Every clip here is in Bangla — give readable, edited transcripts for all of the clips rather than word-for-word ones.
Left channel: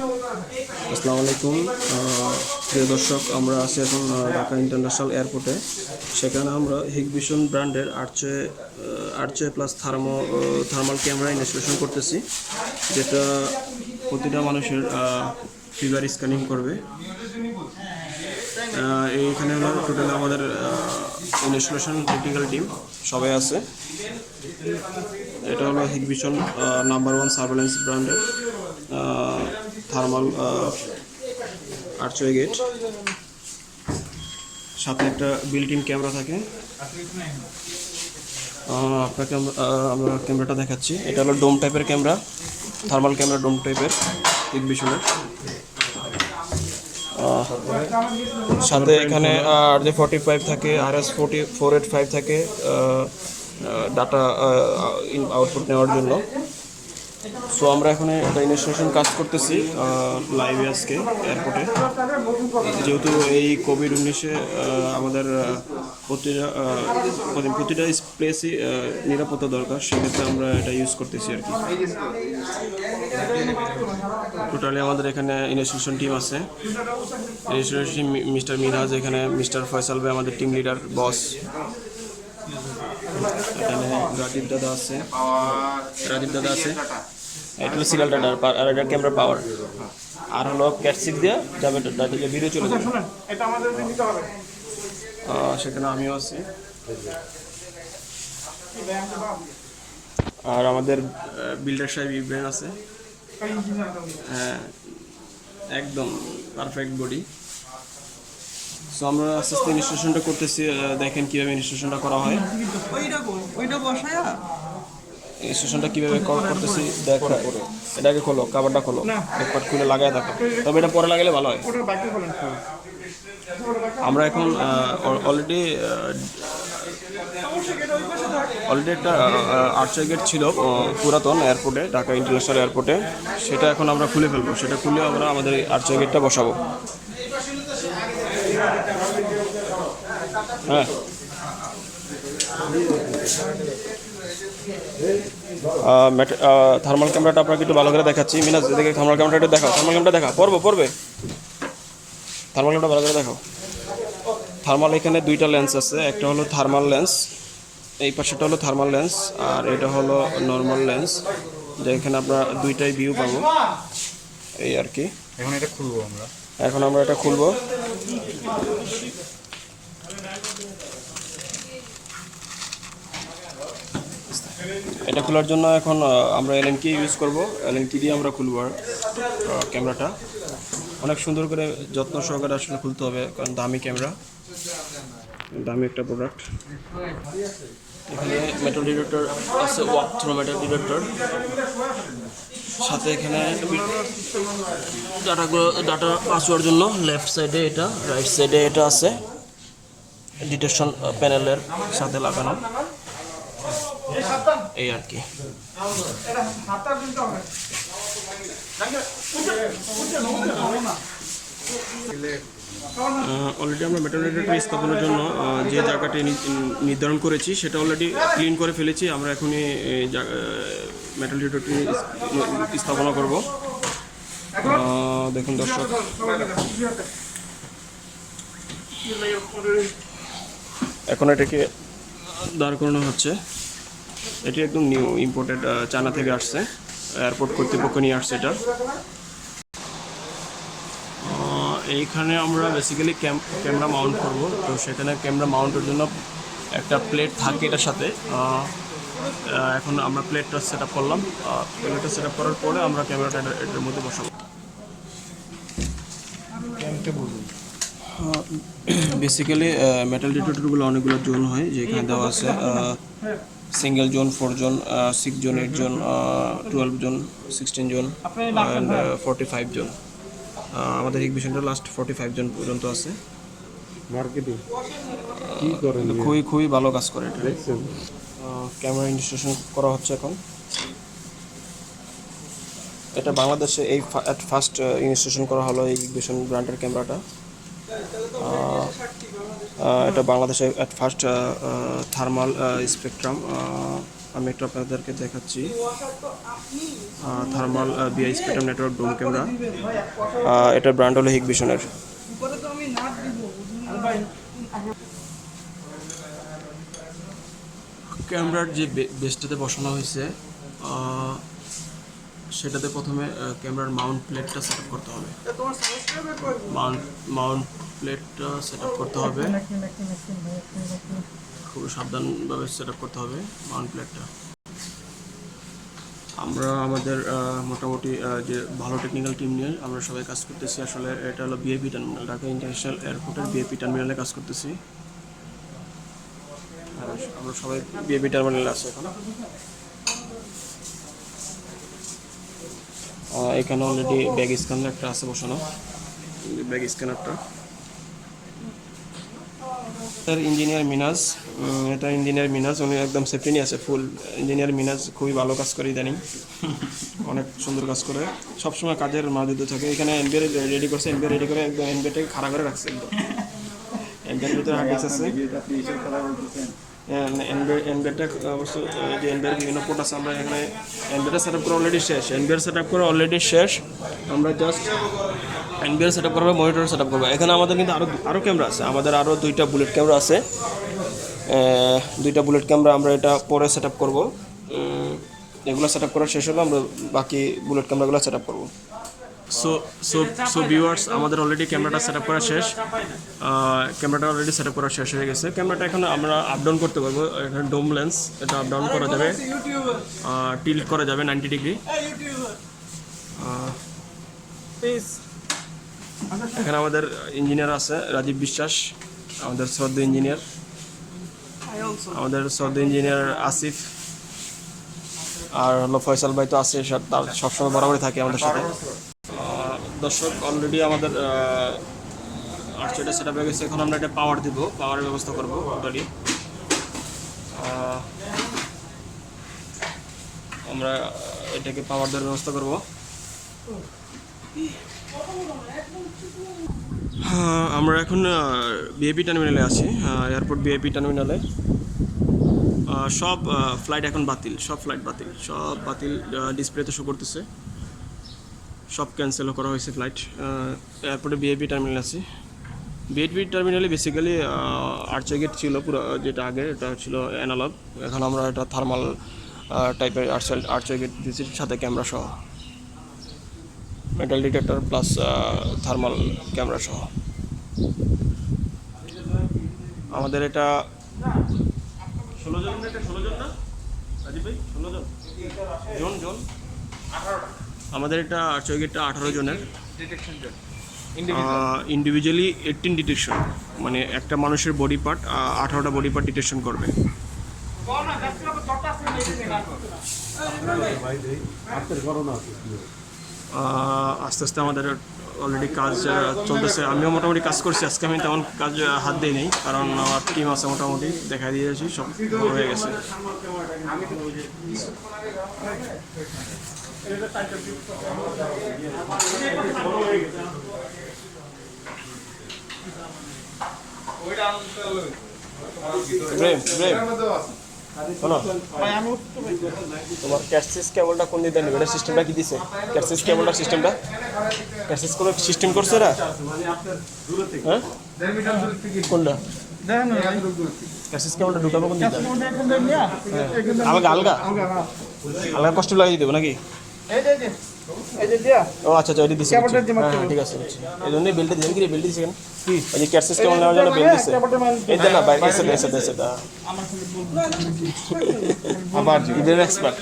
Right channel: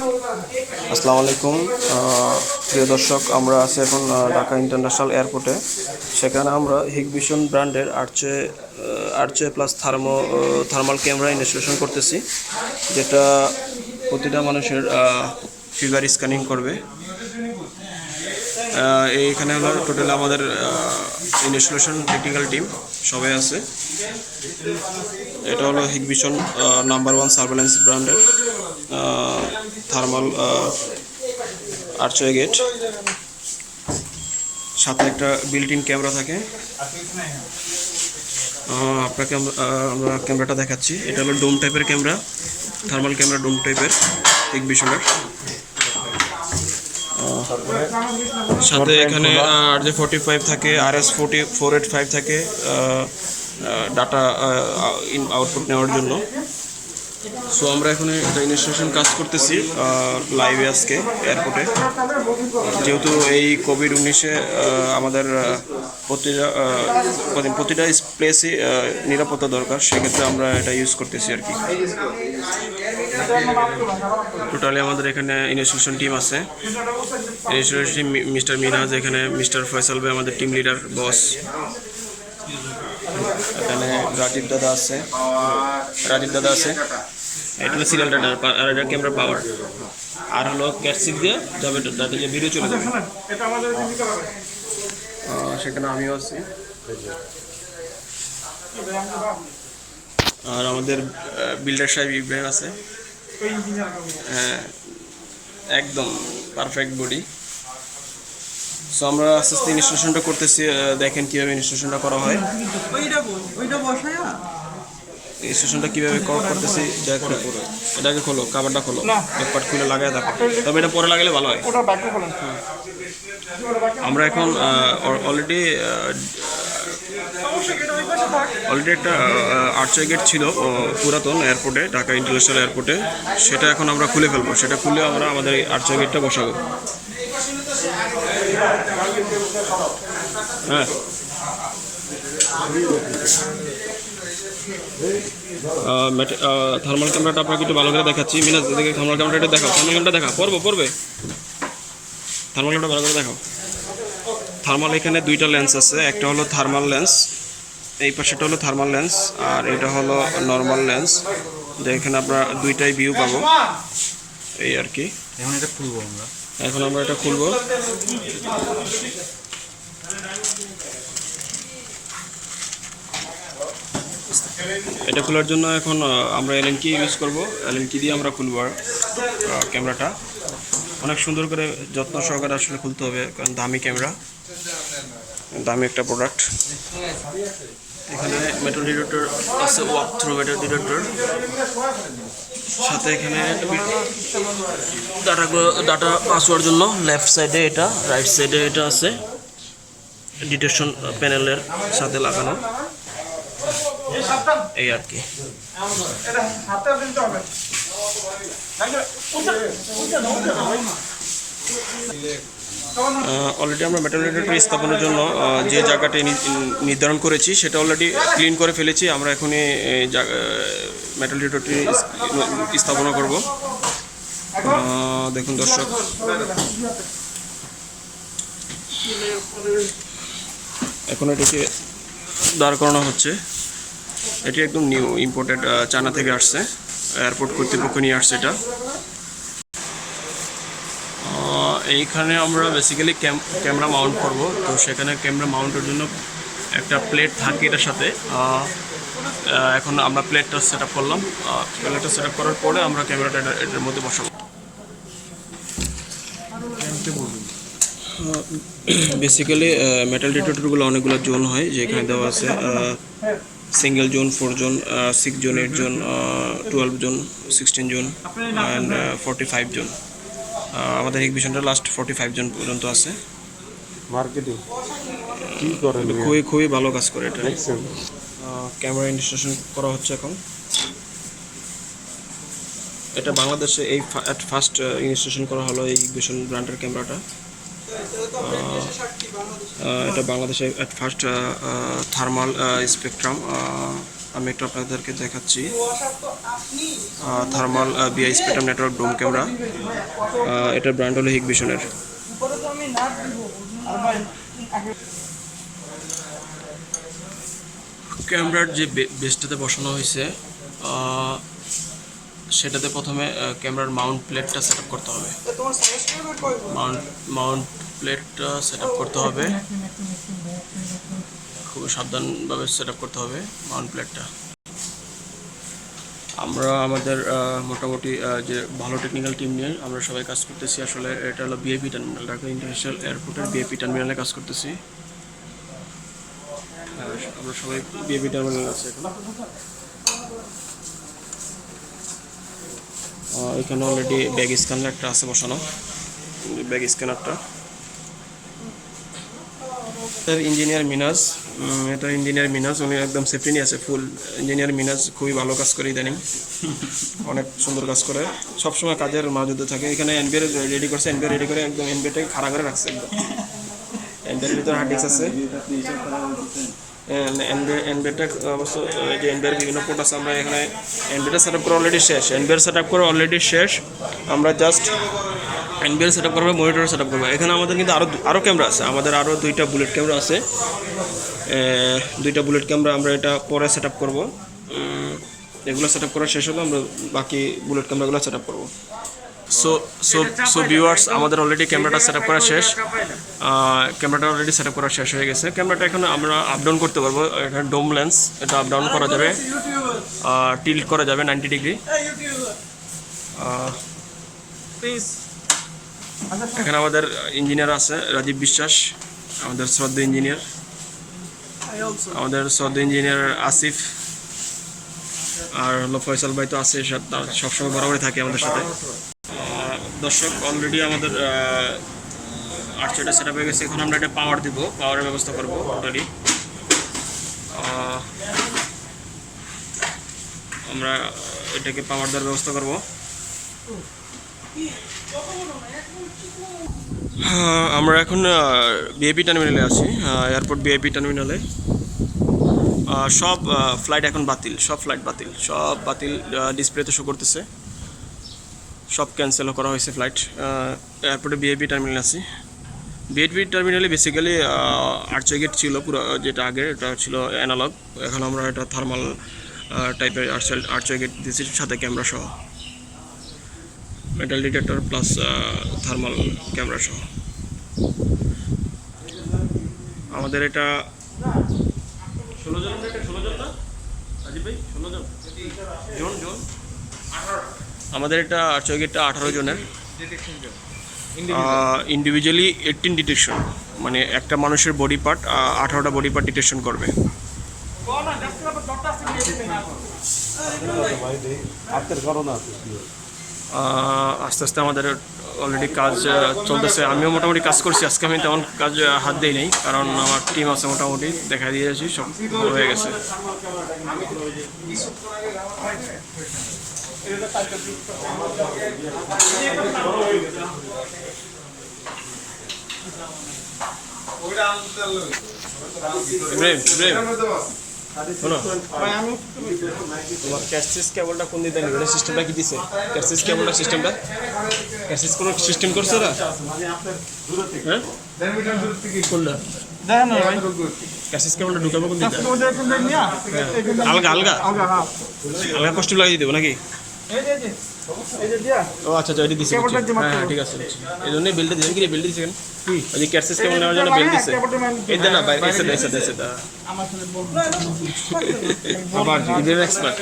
আসসালামু আলাইকুম প্রিয় দর্শক, আমরা আছি এখন ঢাকা ইন্টারন্যাশনাল এয়ারপোর্টে। সেখানে আমরা হিগভিশন ব্র্যান্ডের আর্চে প্লাস থার্মাল ক্যামেরা ইনস্টলেশন করতেছি, যেটা প্রতিটা মানুষের ফিগার স্ক্যানিং করবে। এইখানে হলো টোটাল আমাদের ইনস্টলেশন টেকনিক্যাল টিম সবাই আছে। এটা হলো হিগভিশন নাম্বার 1 সার্ভেলেন্স ব্র্যান্ডের থার্মাল আর্চওয়ে গেট, সাথে একটা বিল্ট ইন ক্যামেরা থাকে। আপনাকে আমরা ক্যামেরাটা দেখাচ্ছি। এটা হলো ডোম টাইপের ক্যামেরা, থার্মাল ক্যামেরা ডোম টাইপের হিগভিশনের। সাথে এখানে RJ45 থাকে, RS485 থাকে ডাটা আউটপুট নেওয়ার জন্য। সো আমরা এখানে একটা ইনস্টলেশন কাজ করতেছি লাইভে আজকে এয়ারপোর্টে। যেহেতু এই কোভিড-19 আমাদের প্রতিটা প্লেসই নিরাপত্তা দরকার, সেক্ষেত্রে আমরা এটা ইউজ করতেছি আর কি। টোটালি আমাদের এখানে ইনস্টলেশন টিম আছে। ইনস্টলেশন টিম মিস্টার মিরাজ, এখানে মিস্টার ফয়সাল ভাই আমাদের টিম লিডার বস, এখানে রাজীব দাদা আছে। এটা হলো সিরিয়াল ডাটা আর এটা ক্যামেরা পাওয়ার, আর হলো ক্যাটসিক দিয়ে যাবে, যাতে যে ভিডিও চলে যাবে। সেখানে আমিও আছি। আর আমাদের বিল্ডার সাহেব ইব্রাহিম আছে। হ্যাঁ, একদম পারফেক্ট বডি। সো আমরা আস্তে আস্তে ইনস্টলেশনটা করতেছি। দেখেন কীভাবে ইনস্টলেশনটা করা হয়, ইনস্টলেশনটা কীভাবে করতেছি। দেখো, এটাকে খোলো, কাভারটা খোলো, ব্যাকপার্ট খুলে লাগাই দেখো। তবে এটা পরে লাগালে ভালো হয়। আমরা এখন অলরেডি একটা আর্চওয়ে গেট ছিল পুরাতন এয়ারপোর্টে, ঢাকা ইন্টারন্যাশনাল এয়ারপোর্টে। সেটা এখন আমরা খুলে ফেলবো। সেটা খুলে আমরা আমাদের এই আর্চওয়ে গেটটা বসাবো। হ্যাঁ, থার্মাল ক্যামেরাটা আপনাকে একটু ভালো করে দেখাচ্ছি। মিনাজ, এদিকে থার্মাল ক্যামেরাটা একটু দেখাও। থার্মাল ক্যামেরাটা দেখা, পড়বে থার্মাল ক্যামেরাটা ভালো করে দেখাও। থার্মাল এখানে দুইটা লেন্স আছে। একটা হলো থার্মাল লেন্স, এই পাশেটা হলো থার্মাল লেন্স, আর এটা হলো নর্মাল লেন্স। এখানে আমরা দুইটাই ভিউ পাবো, এই আর কি। এখন আমরা এটা খুলবো। এটা খোলার জন্য এখন আমরা এলএন কি ইউজ করব। এলএন কি দিয়ে আমরা খুলব ক্যামেরাটা। অনেক সুন্দর করে যত্ন সহকারে আসলে খুলতে হবে, কারণ দামি ক্যামেরা, দামি একটা প্রোডাক্ট। এখানে মেটাল ডিটেক্টর আছে, ওয়াক থ্রু মেটাল ডিটেক্টর। সাথে এখানে ডাটা পাস হওয়ার জন্য লেফট সাইডে এটা, রাইট সাইডে এটা আছে, ডিটেকশন প্যানেলের সাথে লাগানো, এই আর কি। অলরেডি আমরা মেটাল ডিটেক্টর স্থাপনের জন্য যে জায়গাটি নির্ধারণ করেছি সেটা অলরেডি ক্লিন করে ফেলেছি। আমরা এখনই মেটাল ডিটেক্টরটি স্থাপনা করব। দেখুন দর্শক, এখন এটাকে দাঁড় করানো হচ্ছে। এটি একদম নিউ ইম্পোর্টেড, চায়না থেকে আসছে, এয়ারপোর্ট কর্তৃপক্ষ নিয়ে আসছে এটা। এইখানে আমরা বেসিক্যালি ক্যামেরা মাউন্ট করব। তো সেখানে ক্যামেরা মাউন্টের জন্য একটা প্লেট থাকে এটার সাথে। এখন আমরা প্লেটটা সেট আপ করলাম। প্লেটটা সেট আপ করার পরে আমরা ক্যামেরাটা এটার মধ্যে বসাবো। বেসিক্যালি মেটাল ডিটেক্টরগুলো অনেকগুলো জোন হয়, যেখানে দেওয়া আছে single zone, 4 zone, 6 zone, 8 zone, 12 zone, 16 zone and 45 zone. আমাদের হিগভিশনটা লাস্ট 45 জন পর্যন্ত আছে। মার্কেটিং খুবই ভালো কাজ করে এটা। ক্যামেরা ইনস্টলেশন করা হচ্ছে এখন। এটা বাংলাদেশে এই ফার্স্ট ইনস্টলেশন করা হলো এই হিগভিশন ব্র্যান্ডের ক্যামেরাটা। এটা বাংলাদেশে ফার্স্ট থার্মাল স্পেকট্রাম। আমি একটু আপনাদেরকে দেখাচ্ছি। থার্মাল বিআই স্পেকট্রাম নেটওয়ার্ক ডোম ক্যামেরা। এটার ব্র্যান্ড হলো হিগভিশনের। ক্যামেরার যে বেসটাতে বসানো হয়েছে সেটাতে প্রথমে ক্যামেরার মাউন্ট প্লেটটা সেট আপ করতে হবে। মাউন্ট প্লেটটা সেট আপ করতে হবে, খুব সাবধানভাবে সেট আপ করতে হবে মাউন্ট প্লেটটা। আমরা আমাদের মোটামুটি যে ভালো টেকনিক্যাল টিম নিয়ে আমরা সবাই কাজ করতেছি। আসলে এটা হলো বিআইপি টার্মিনাল, ঢাকা ইন্টারন্যাশনাল এয়ারপোর্টের বিআইপি টার্মিনালে কাজ করতেছি। আমরা সবাই বিআইপি টার্মিনালে আছি এখন। এখানে অলরেডি ব্যাগ স্ক্যানার একটা আছে বসানো, ব্যাগ স্ক্যানারটা। ইঞ্জিনিয়ার মিনাজ, এটা ইঞ্জিনিয়ার মিনাজ, উনি একদম সেফটি নিয়ে আছে ফুল। ইঞ্জিনিয়ার মিনাজ খুবই ভালো কাজ করে ইদানিং, অনেক সুন্দর কাজ করে, সবসময় কাজের মজুদে থাকে। এখানে এনবিআর রেডি করছে, এনবিআর রেডি করে একদম এনবিআরটাকে খাড়া করে রাখছে একদম। এনবিআর ভিতরে হার্ড ডিস্ক আছে, এনবিআরটা অবশ্য যে এনবিআর বিভিন্ন পোর্ট আছে। আমরা এখানে এনবিআরটা সেট আপ করা অলরেডি শেষ, এনবিআর সেট আপ করা অলরেডি শেষ। আমরা জাস্ট এনবিআর সেট আপ করবো, মনিটর সেট আপ করবো। এখানে আমাদের কিন্তু আরও ক্যামেরা আছে, আমাদের আরও 2টা বুলেট ক্যামেরা আছে। 2টা বুলেট ক্যামেরা আমরা এটা পরে সেট আপ করবো। এগুলো সেট আপ করা শেষ হলো, আমরা বাকি বুলেট ক্যামেরাগুলো সেট আপ করবো। সো ভিউয়ার্স, আমাদের অলরেডি ক্যামেরাটা সেট আপ করা শেষ, ক্যামেরাটা অলরেডি সেট আপ করা শেষ হয়ে গেছে। ক্যামেরাটা এখন আমরা আপ ডাউন করতে পারবো। এটা ডোম লেন্স, এটা আপ ডাউন করা যাবে, টিল্ট করা যাবে 90 ডিগ্রি। এখানে আমাদের ইঞ্জিনিয়ার আছে রাজীব বিশ্বাস, আমাদের শ্রদ্ধেয় ইঞ্জিনিয়ার, আমাদের শ্রদ্ধেয় ইঞ্জিনিয়ার আসিফ, আর হলো ফয়সাল ভাই তো আছে, সবসময় বরাবরই থাকে আমাদের সাথে। দর্শক, অলরেডি আমাদের আর্চারটা সেট আপ হয়ে গেছে। এখন আমরা এটা পাওয়ার দিব, পাওয়ারের ব্যবস্থা করবো টোটালি। আমরা এটাকে পাওয়ার দেওয়ার ব্যবস্থা করব। আমরা এখন বিআইপি টার্মিনালে আছি, এয়ারপোর্ট বিআইপি টার্মিনালে। সব ফ্লাইট এখন বাতিল, সব ফ্লাইট বাতিল, সব বাতিল ডিসপ্লেতে শো করতেছে, সব ক্যান্সেলও করা হয়েছে ফ্লাইট। এয়ারপোর্টে বিআইপি টার্মিনাল আছি। বিআইপি টার্মিনালে বেসিক্যালি আর্চার গেট ছিল পুরো, যেটা আগে এটা ছিল অ্যানালগ। এখন আমরা এটা থার্মাল টাইপের আর্চার গেট দিয়েছি, সাথে ক্যামেরা সহ, metal detector plus thermal camera সহ। আমাদের এটা 16 জন, এটা 16 জন না রাজীব ভাই? 16 জন জন আমাদের এটা আর্চার গেটটা 18 জনের, ইন্ডিভিজুয়ালি 18 ডিটেকশন, মানে একটা মানুষের বডি পার্ট 18টা বডি পার্ট ডিটেকশন করবে। আস্তে আস্তে আমাদের অলরেডি কাজ চলতেছে। আমিও মোটামুটি কাজ করছি আজকে, আমি তেমন কাজ হাত দিই নেই, কারণ আমার টিম আছে মোটামুটি, দেখা দিয়েছি সব হয়ে গেছে। তোমার ক্যাসিস কেবলটা কোন দিতে নেবে? সিস্টেমটা কি দিছে? ক্যাসিস কেবলটা সিস্টেমটা, ক্যাসিস কোনো সিস্টেম করছে না? হ্যাঁ, কোনটা ক্যাসিস কেবলটা ঢুকাবো কোন দিতে? আলগা আলগা আলগা কষ্ট লাগিয়ে দেবো নাকি? ও আচ্ছা আচ্ছা, এটি দিছে, হ্যাঁ ঠিক আছে। এই জন্যই বেলটা দিয়েছেন। কি রে বেলটা দিয়েছেন? ওই যে ক্যাসিস কেবল নেওয়ার জন্য বেল দিছে। এই দেন না ভাই, এসে দেন, এসে দেন, এসে দেন। আবার ইদের এক্সপার্ট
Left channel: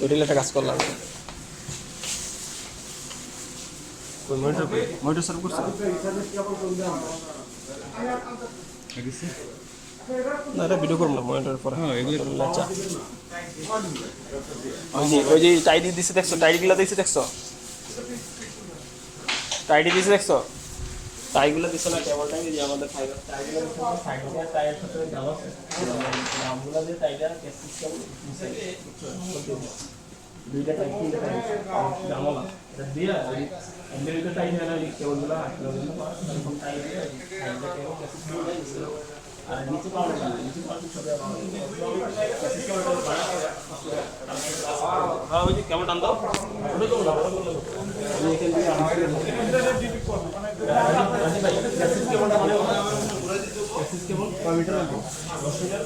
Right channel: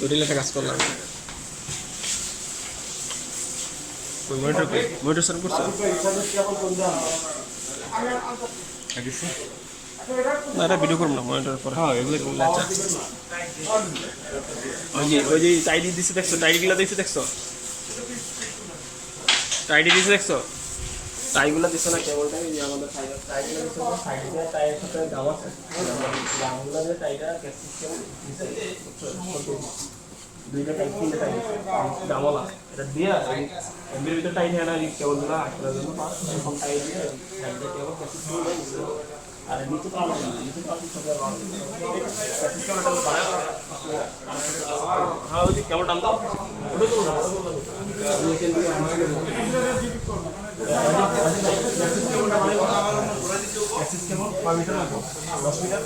দুটো লেখা কাজ করলাম। ওই মনিটর কই? মনিটর সার্ভ করছো না? এটা ভিডিও করব না, মনিটর পরে। হ্যাঁ, এগুলো লেখা। ওই যে টাইডি দিছে দেখছো? টাইডিগুলো দিছে দেখছো? টাইডি দিছে দেখছো? টাইগুলো দিছে না কেবলটা? এই যে আমাদের ফাইবার টাইগুলো দিছে, সাইডে টাইয়ের সাথে দাম আছে, দামগুলো দিয়ে টাইটা ক্যাসিস করে দিছে। দুইটা টাইপ, তিনটা টাইপ দামওয়ালা। এটা দিয়া এমবির ভিতরে টাইট হয় না কেবল গুলো আটকানোর জন্য এরকম টাইট দিয়ে সাইডটা কেবল ক্যাসিস কেবল আর নিচে পাওয়া যায় নিচে পাওয়া ছবি ক্যাসিস কেবলটা বাড়া হ্যাঁ ওই যে কেবল টান দাও ওটা তো এখান থেকে ক্যাসিস কেবলটা মানে ক্যাসিস কেবল কয় মিটার লাগবে 10 মিটার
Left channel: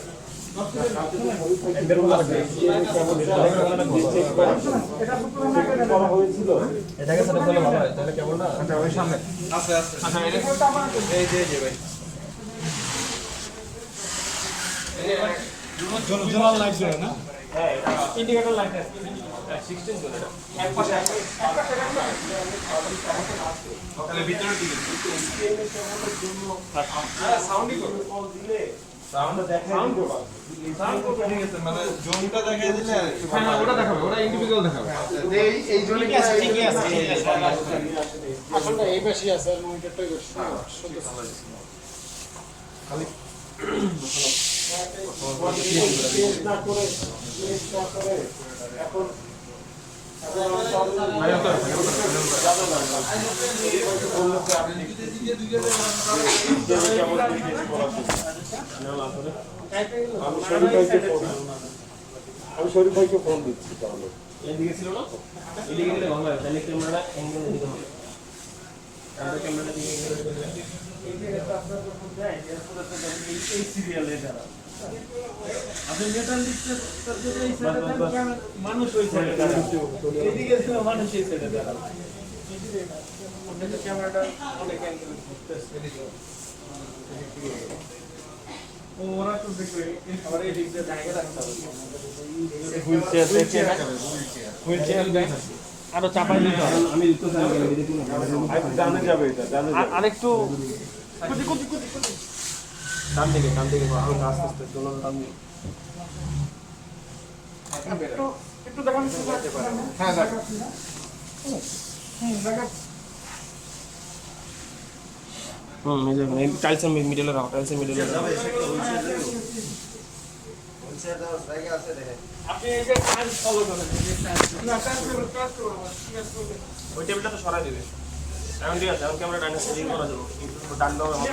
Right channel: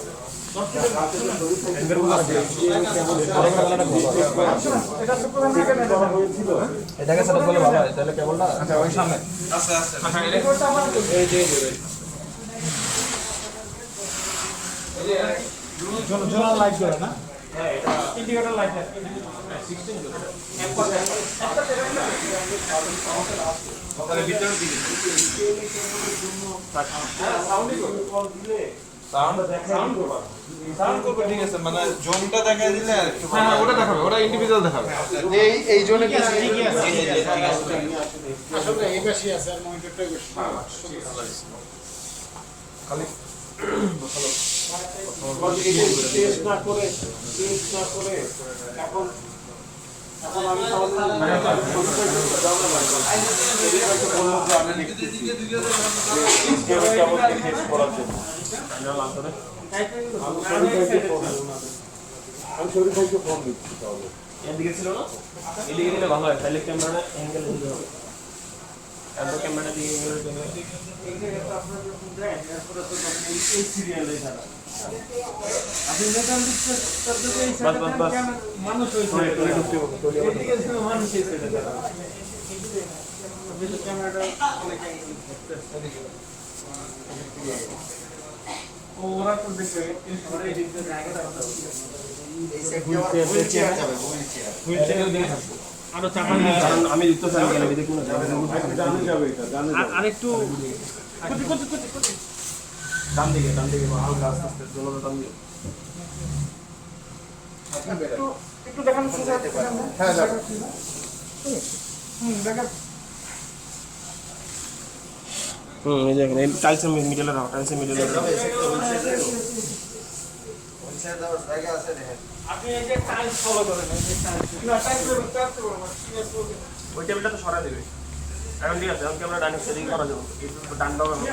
এমবির গুলো কেবল এটা তো করা হয়েছিল এটাকে সেটা করলে ভালো হয় তাহলে কেবলটা আচ্ছা ওই সামনে আছে আছে আচ্ছা এই যে জোনাল লাইট জোড়া না হ্যাঁ এটা ইন্ডিকেটর লাইট আছে 16 জোড়া তাহলে ভিতরে দিবেন সাউন্ডই করবে কল দিলে সাউন্ড দেখে সাউন্ড করবে ঠিক আছে মানে জোনটা দেখায় দিলে আর কি হ্যাঁ ওটা দেখাবে ওটা ইন্ডিভিজুয়াল দেখাবে এই জোনে কি আছে ঠিকই আছে আসলে এই বেশি আছে আর মনিটরটাই বেশি খালি ভালো টেস্ট না করে এখন আমি শরীর ভাইকে ফোন দিচ্ছি তাহলে এদিকে ছিল না এদিকে দিলে ভালো হয় তাহলে ক্যামেরাটা অ্যাঙ্গেলে দিতে হবে তারপর ক্যামেরাটা দিকে অ্যাঙ্গেলে দিতে হবে এই জায়গাটা আপনার যখন দেয় আসলে তো এই সিরিয়ালে যারা আপনি নেটাল দিতে তার জন্য এই সাইডে মানুষ হইছে এদিকে মানুষ হইছে যারা এই ক্যামেরাটা অনেক ওরা তো দেখবে এই সরে এদিকে জায়গা রাখতে হবে আরো চাপাই দিই কারণ আমি দিতে চাই না এদিকে কোন জানা যাবে এটা আরেকটু ডান দিকে হালকা আস্তে আস্তে দোলনা টান দিও একটু দেখান সোজা হ্যাঁ দেখা এই যে এখানে টাইলসের মিডলে রাখো টাইলসের মিডলে জায়গা আছে দেখেন আপনি এই যে টাইলস ফলো করেন এই যে টাইলস না টাইলস ওই টেবিলটা তো সরাই দিবে এখন ঠিক আছে এখন ক্যামেরা ডান সেটিং করা যাবে এই ডান দাও হবে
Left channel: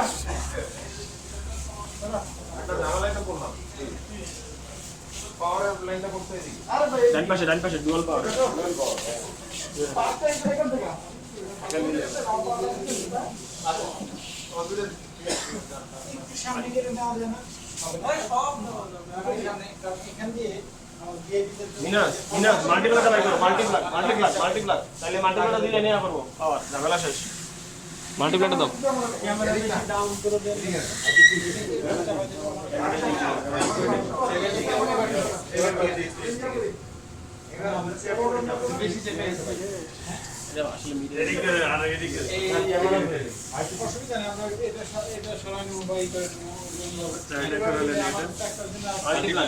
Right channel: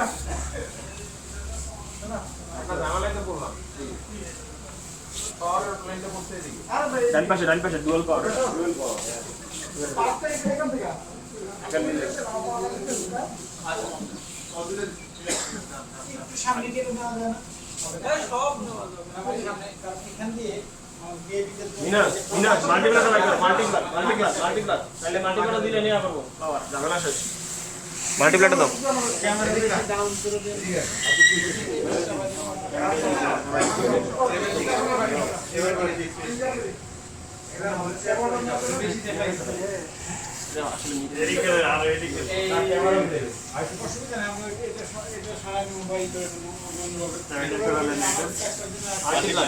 এটা জানালাটা বললাম পাওয়ার লাইনটা বলতে দিই আরে ভাই ডান পাশে ডুয়াল পাওয়ার পাঁচটা এখান থেকে এখান দিলে একটু সামনে গিয়ে দেওয়া যায় না সব দেওয়া যাবে এখান দিয়ে মিনাস মাল্টিপ্লাটা বাই করো মাল্টিপ্লাট তাহলে মাল্টিপ্লাটা দিলে নিয়ে করব পাওয়ার ঝামেলা শেষ মাল্টিপ্লাটা দাও ক্যামেরা বেশি ডাউন করে দেন বেশি দেখাইছে আসলে এদিকে আর এদিকে অসুবিধা নেই আমরা এটা সরাই মোবাইল করে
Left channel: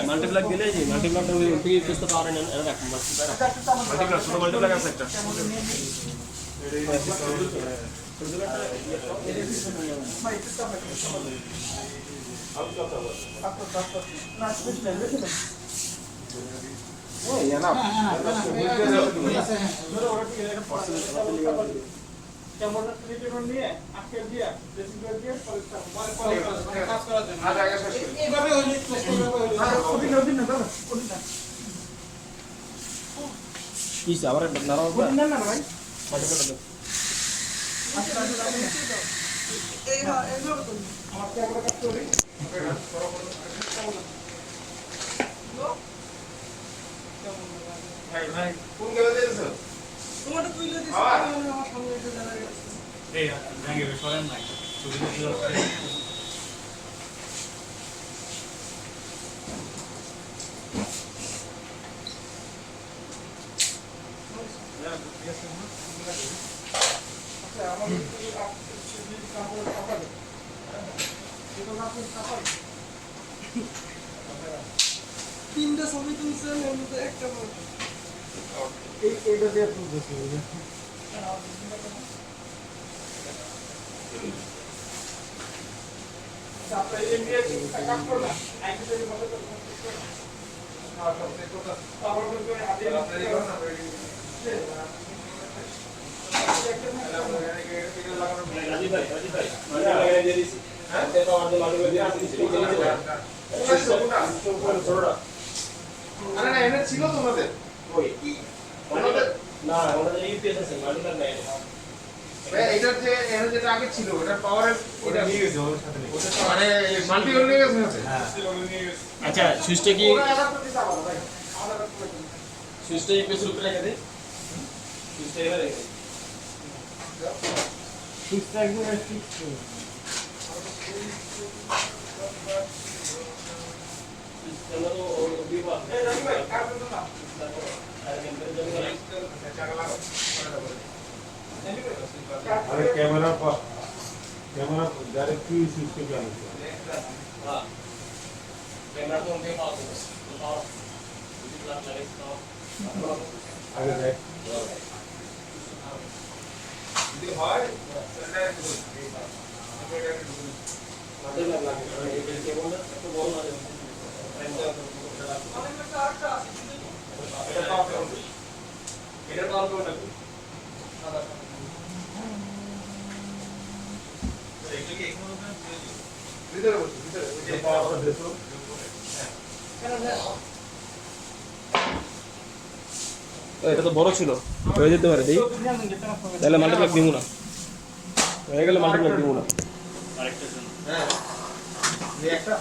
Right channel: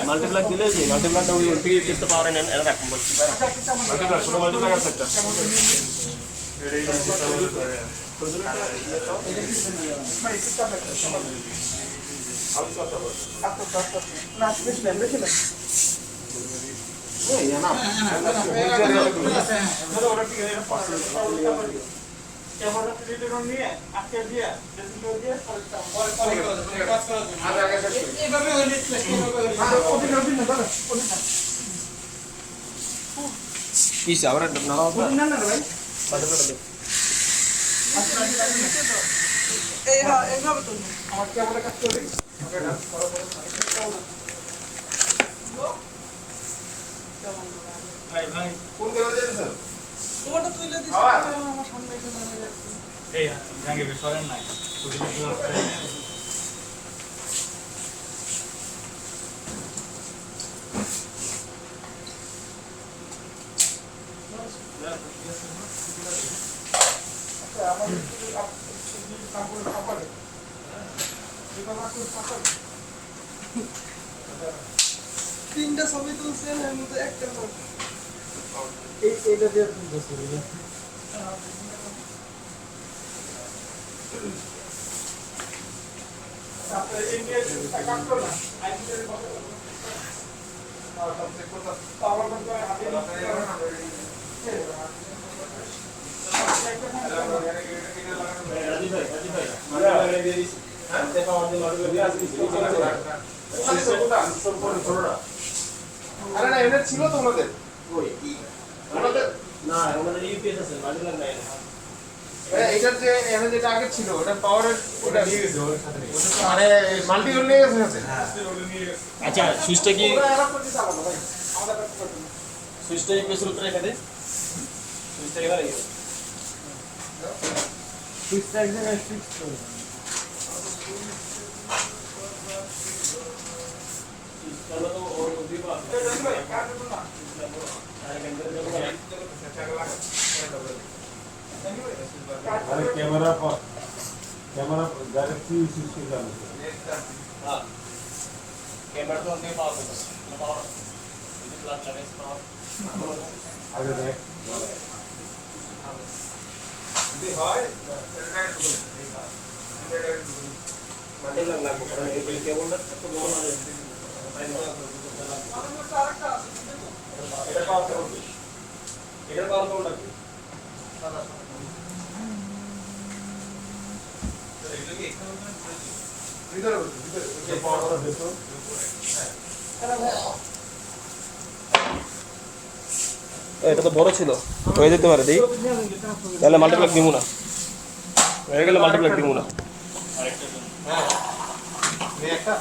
মাল্টিপ্লাক দিলে যে মাল্টিপ্লাকটা ওই পিএস তো পাওয়ার এনে রাখুন মাল্টিপ্লাক ছোট মাল্টিপ্লাক আছে একটা ভাই কোন জায়গায় যাচ্ছেন তোমারটা তুইলে দিছ আমার সামনে একটা জায়গা আছে এই জায়গা বেশরেন নাই ছবি দিতে তিনটা ছবি তুলছে এর মধ্যে একটা এইটা দিয়ে তুলতেছি তারপরে ইন্ডিয়া কাট করলাম আইডিতে বলে তো পাওয়ার ব্যাংক করে হাতে আরে না এটা ছিল তো ওনাদের ওই ওনাদের না ওনাদের ইউপিএস আছে মাল্টিপ্লাগ নাই ভাই এইটার যে এর যেটা আগে ছিল ওটা পাওয়ারের ওটা নিয়ে গেছে ওর সাথে মানে মাল্টি ওর নিয়ে গেছে আচ্ছা সুইচটা কি ওরা আলাদা করে চালানো ভাই আমাদের সুইচটা ইউপিএস এর উপরে রেখে দে সুইচটা কেন রেখে সুইচটা একদম ফিক্স সুইচটা তো ওর দুই পাশ এই জানি ভাই কার জন্য না अरे कैमरा डायरेक्ट फ्यूज इसके जाने से हां कैमरा तो उनके पास है पावर प्लग लगे पावर आगे देख ये हार्ड মাল্টিপ্লাগ লাগে কেমনটা তো বল না এটা পাওয়ার কোনটা কি ভিতরে ভিতরে ये पावर का देखो এটা তো বড় ছিল হয়ে যেতে পারে দেই তাহলে মাল্টিপ্লাগ দিব না হয়ে গেলে মাল্টিপ্লাগ দিব না এই একটা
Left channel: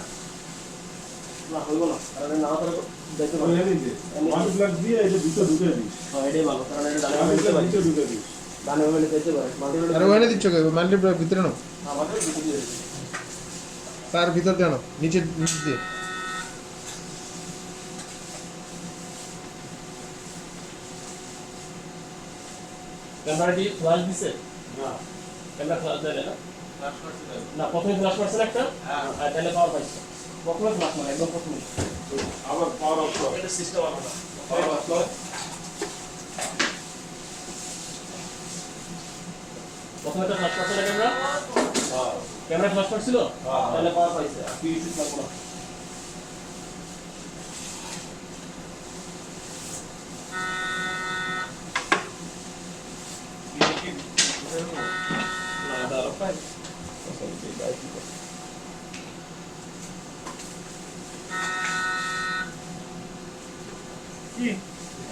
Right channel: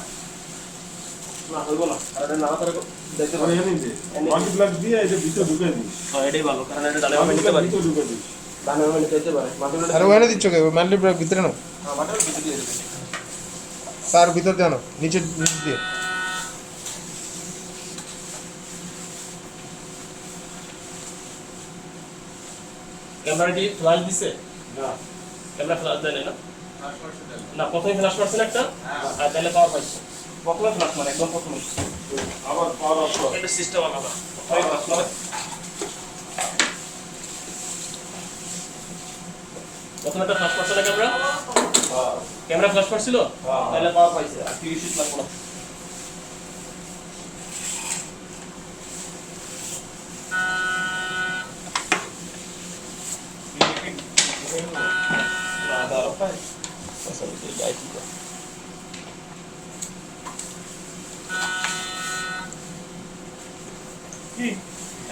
না হইব না আরে না ধরে দেখতে और ये नहीं दे मल्टीप्लग दिया इसे भीतर ढुके दी হ্যাঁ এটাই ভালো কারণ এটা ডালে আমি দিতে मल्टीप्लग পারি भीतर ढुके दी দামে আমি দিতে পারি মাল্টিপ্লাগ আরে ওখানে দিচ্ছ কে মাল্টিপ্লাগ ভিতরে না আমাদের ভিতরে দিয়ে তার ভিতর দেন নিচে নিচে দিয়ে ক্যামেরা দিয়ে ফ্ল্যাশ দিছে ना ক্যামেরা ফ্ল্যাশ দেয় না না প্রথমে ফ্ল্যাশ মারছেন একটা আর তাহলে পাওয়ার পাইছে প্রথমে ফ্ল্যাশ মারে একদম প্রথমে आवर पावर ऑफ এটা সিস্টেম আলাদা पावर ऑफ প্রথমে তো ফ্ল্যাশ মারছে না ক্যামেরা ক্যামেরা ফ্ল্যাশ করছিল তাহলে পাওয়ার পাইছে আর কি কিছু লাগবে না না দাঁড়াও কি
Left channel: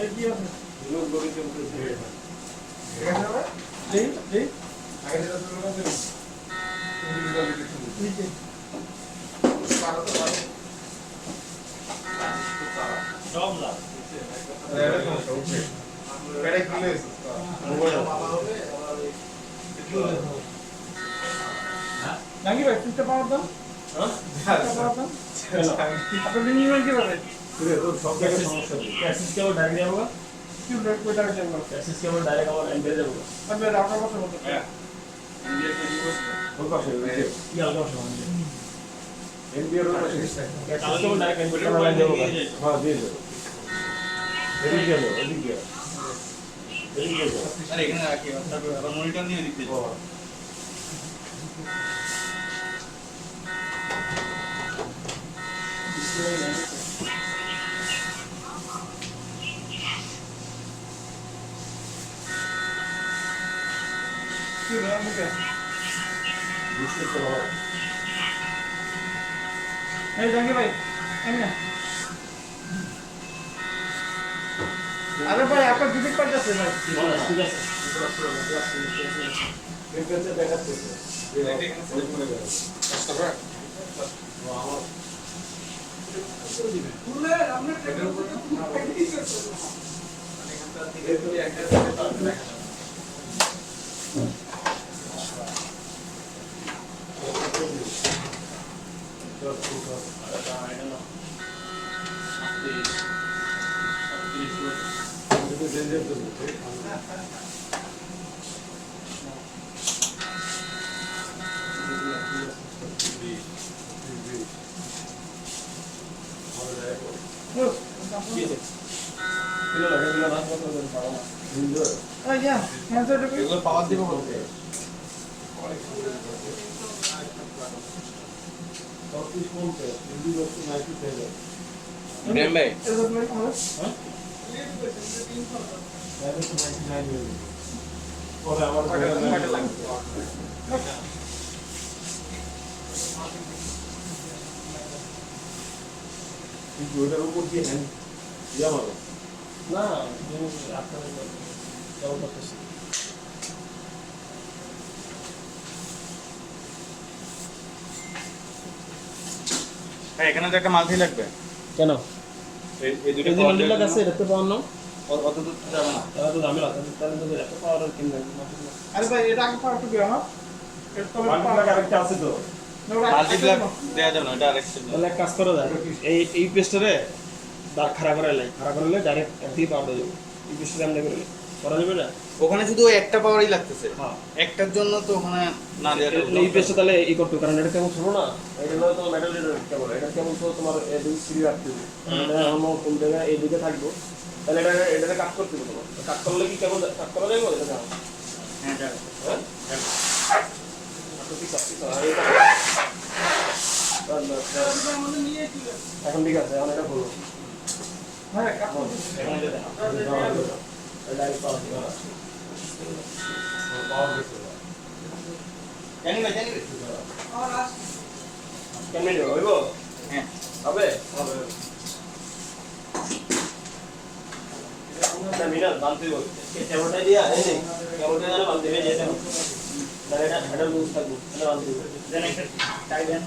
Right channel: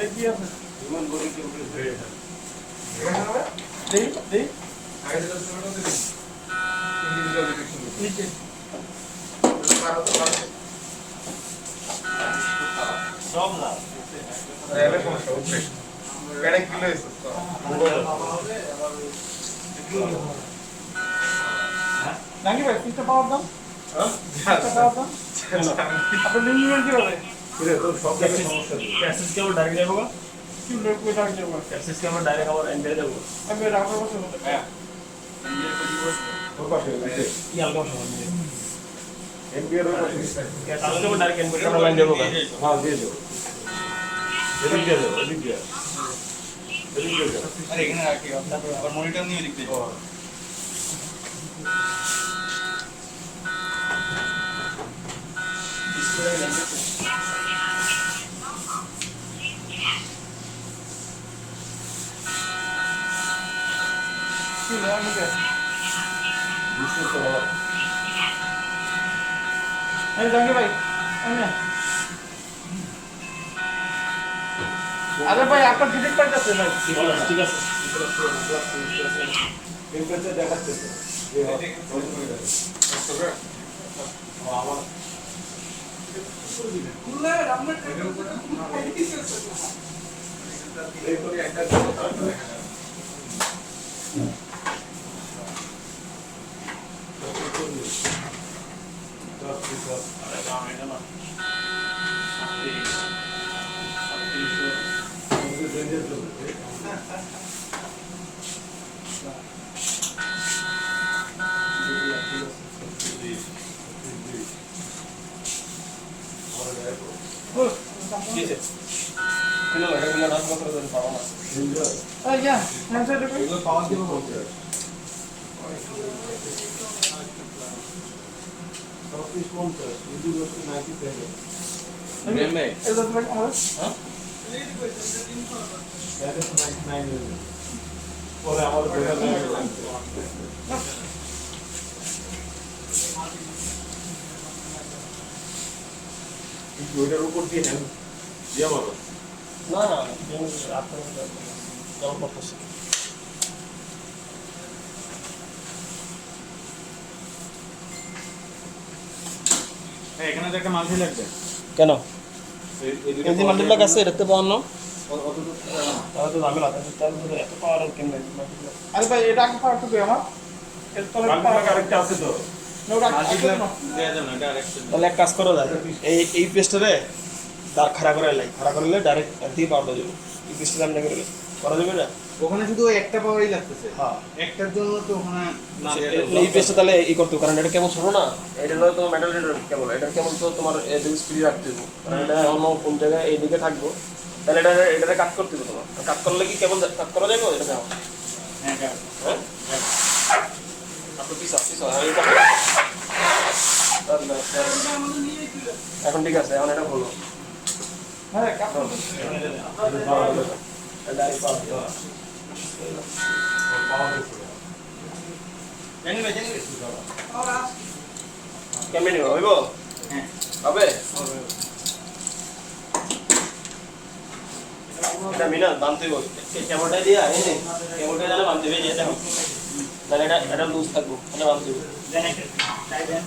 এই কি আছে ह्यूमन बॉडी के ऊपर ब्रेड है এখানে হবে দেই দেই আগে যেটা ছিল ওটা দেই ইন্ডিভিজুয়াল কিছু ঠিক আছে কারো তো মানে সব না এটা কোন সমস্যা এটা কি লইছো নাকি ভাই পিছটা পাওয়ার দাম হ্যাঁ পাওয়ার দাম আপনি নিয়ে কি হবে पूरे तो सब जगह समस्या है ক্যাসেস কে ওর ডাইরেক্ট নেবো কি লোক কই টাকা দেব ক্যাসেস কে ওর ডাইরেক্ট আবার এন্টার দেবো আমি রাখা বসে হতে है वो पास है কি আগে সময় নিয়ে एनपीआर में ক্যাসেস কে ওর ডাইরেক্ট এন্টার লাইন দেবো हां दे दो एडिट कर दो एडिट कर আরে এখানে রাখি আবার মনিটর নিয়ে দিতে কি নাম কি दूसरे तो এই জাঙ্গি ভাই এনে আরে ভাই আপনার ডিলিট করতেছে ভাই ঠিক আছে एक से देखा थे খুললে আপনি এটার উপর ইয়া হ্যান্ডসেট এগুলো পাওয়ার দিব বলতে এটা তোমার হবে পরে আমাদের ওইটার উপর দিয়ে হ্যান্ড দিয়া বলো না না রাখতে জল করতেছি এখানে যে একটা মাল্টি লাগবে কেন এই এই যে মাল্টিপ্লাক আছে এটাতে পাওয়ার না অত দূর থেকে যাবে না তাহলে তো ঝামেলা তাহলে তো এত পাওয়ার কেমনে আরে ভাই এটা আগে পাওয়ার টুকু আমার এর তলে মাল্টিপ্লাক আরেকটা আছে তো মাল্টিপ্লাক দেয়া যাবে না ডাইরেক্ট তাহলে এক কাজ করা যায় এই পেস্টরে তার খাড়া করে লাই খাড়া করলে ডাইরেক্ট একদিকে পাওয়ার দেওয়া যাবে এই পেস্টটা সামনে করে করা যাবে না ওখানে শুধু একটা পাওয়ারই লাগতেছে হ্যাঁ একটার জন্য তো ওখানে না এই পেস্টটা তাহলে এই করতে কারণ এটা কেমন ছোট না এটা হলো তো মেটাল কেবল এটা কেমন তো তোমার এদিকে স্পিড রাখতে হবে এটা অন্য কোন জায়গায় এইদিকে থাকবো তাহলে এটা কাট করতে হবে তোমার কাট করলে কি কেবল কাট করা যাবে এটা কেমন হ্যাঁ হ্যাঁ আপনি কি সবটি সরাই এখন ঠিক আছে এখন এটা বলো হ্যাঁ কাট করতে জানি না কেমনে নিব হইব হ্যাঁ হবে এটা মিনা বানতে হবে এই কেবলটা দিয়া এই নে কেবলটা জানা বানতে হবে এটা তাহলে এটা লুজ থাকবো এটা বানতে হবে জানি এটা টাই দেন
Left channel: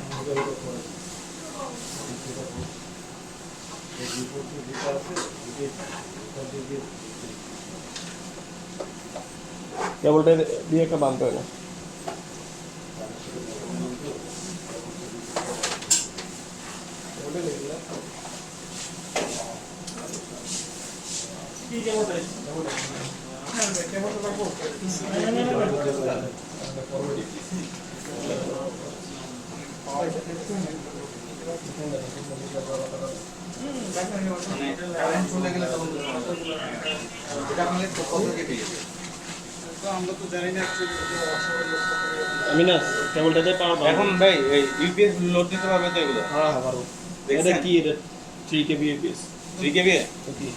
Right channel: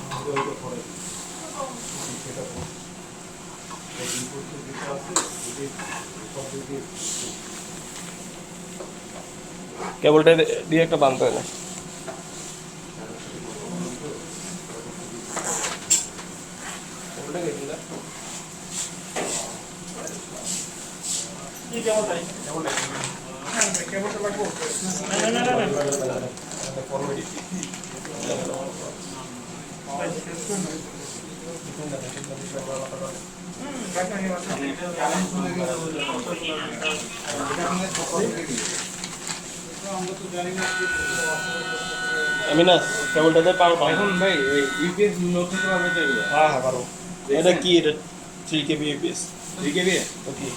কেবলটা দিয়ে একটা বানতে হবে কি কেবলটা কেমনটা লাগবো মানে কারেন্ট চলে গেলে তখন এটা আপনাদের কত থেকে দিই আমরা তো জানি না আমি না কেবলটাতে পাবো এখন ভাই ওই ইউপিএস লোড দিতে পারবে তো এগুলো হ্যাঁ হ্যাঁ পারবো এটা কি এটা 3 kb পিস 3 কেবি ওকে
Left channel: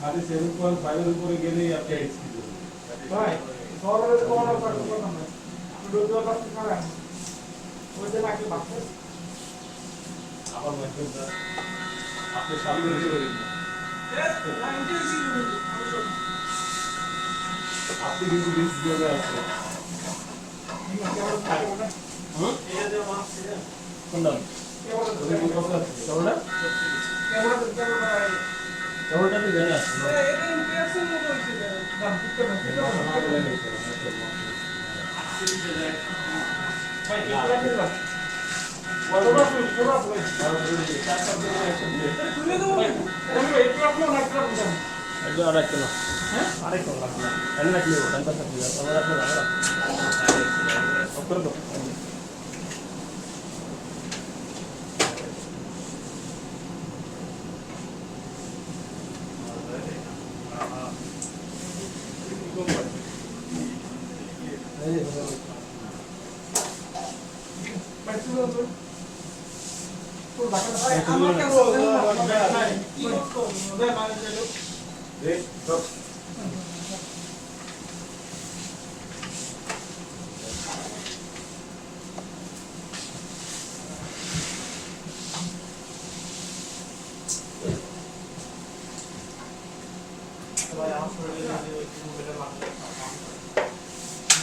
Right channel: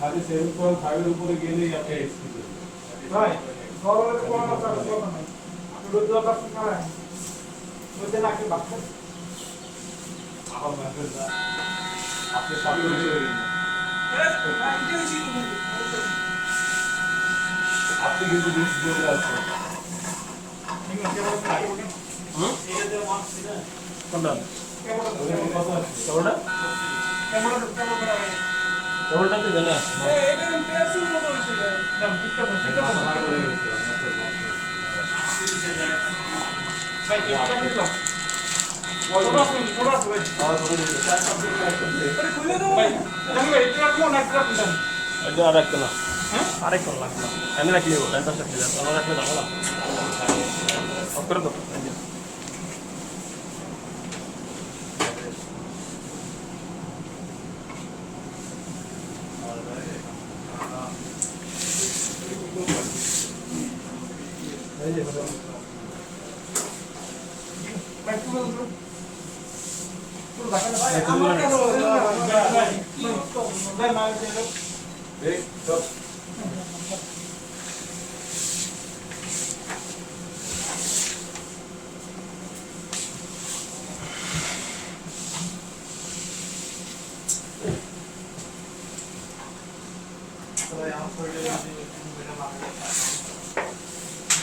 খালি 7.5 এর উপরে গেলেই আপনি এসপি করবেন ভাই খবরের কোন কথা না আমি রোজ কাজ করেন ওইটা নাকি বাক্স আমার মাইক্রোটা আপনি সবই করে দিবেন আপনি কিন্তু রিস্ক দিয়ে আছেন কোনটা ওদের কি কথা আছে কেবলটা কেবলটা কি জানা এটা আর একটা না আরেকটা লাগবে আমি রাখি দেবো এটা সাথে আমরা রাখি রাখো করে দাও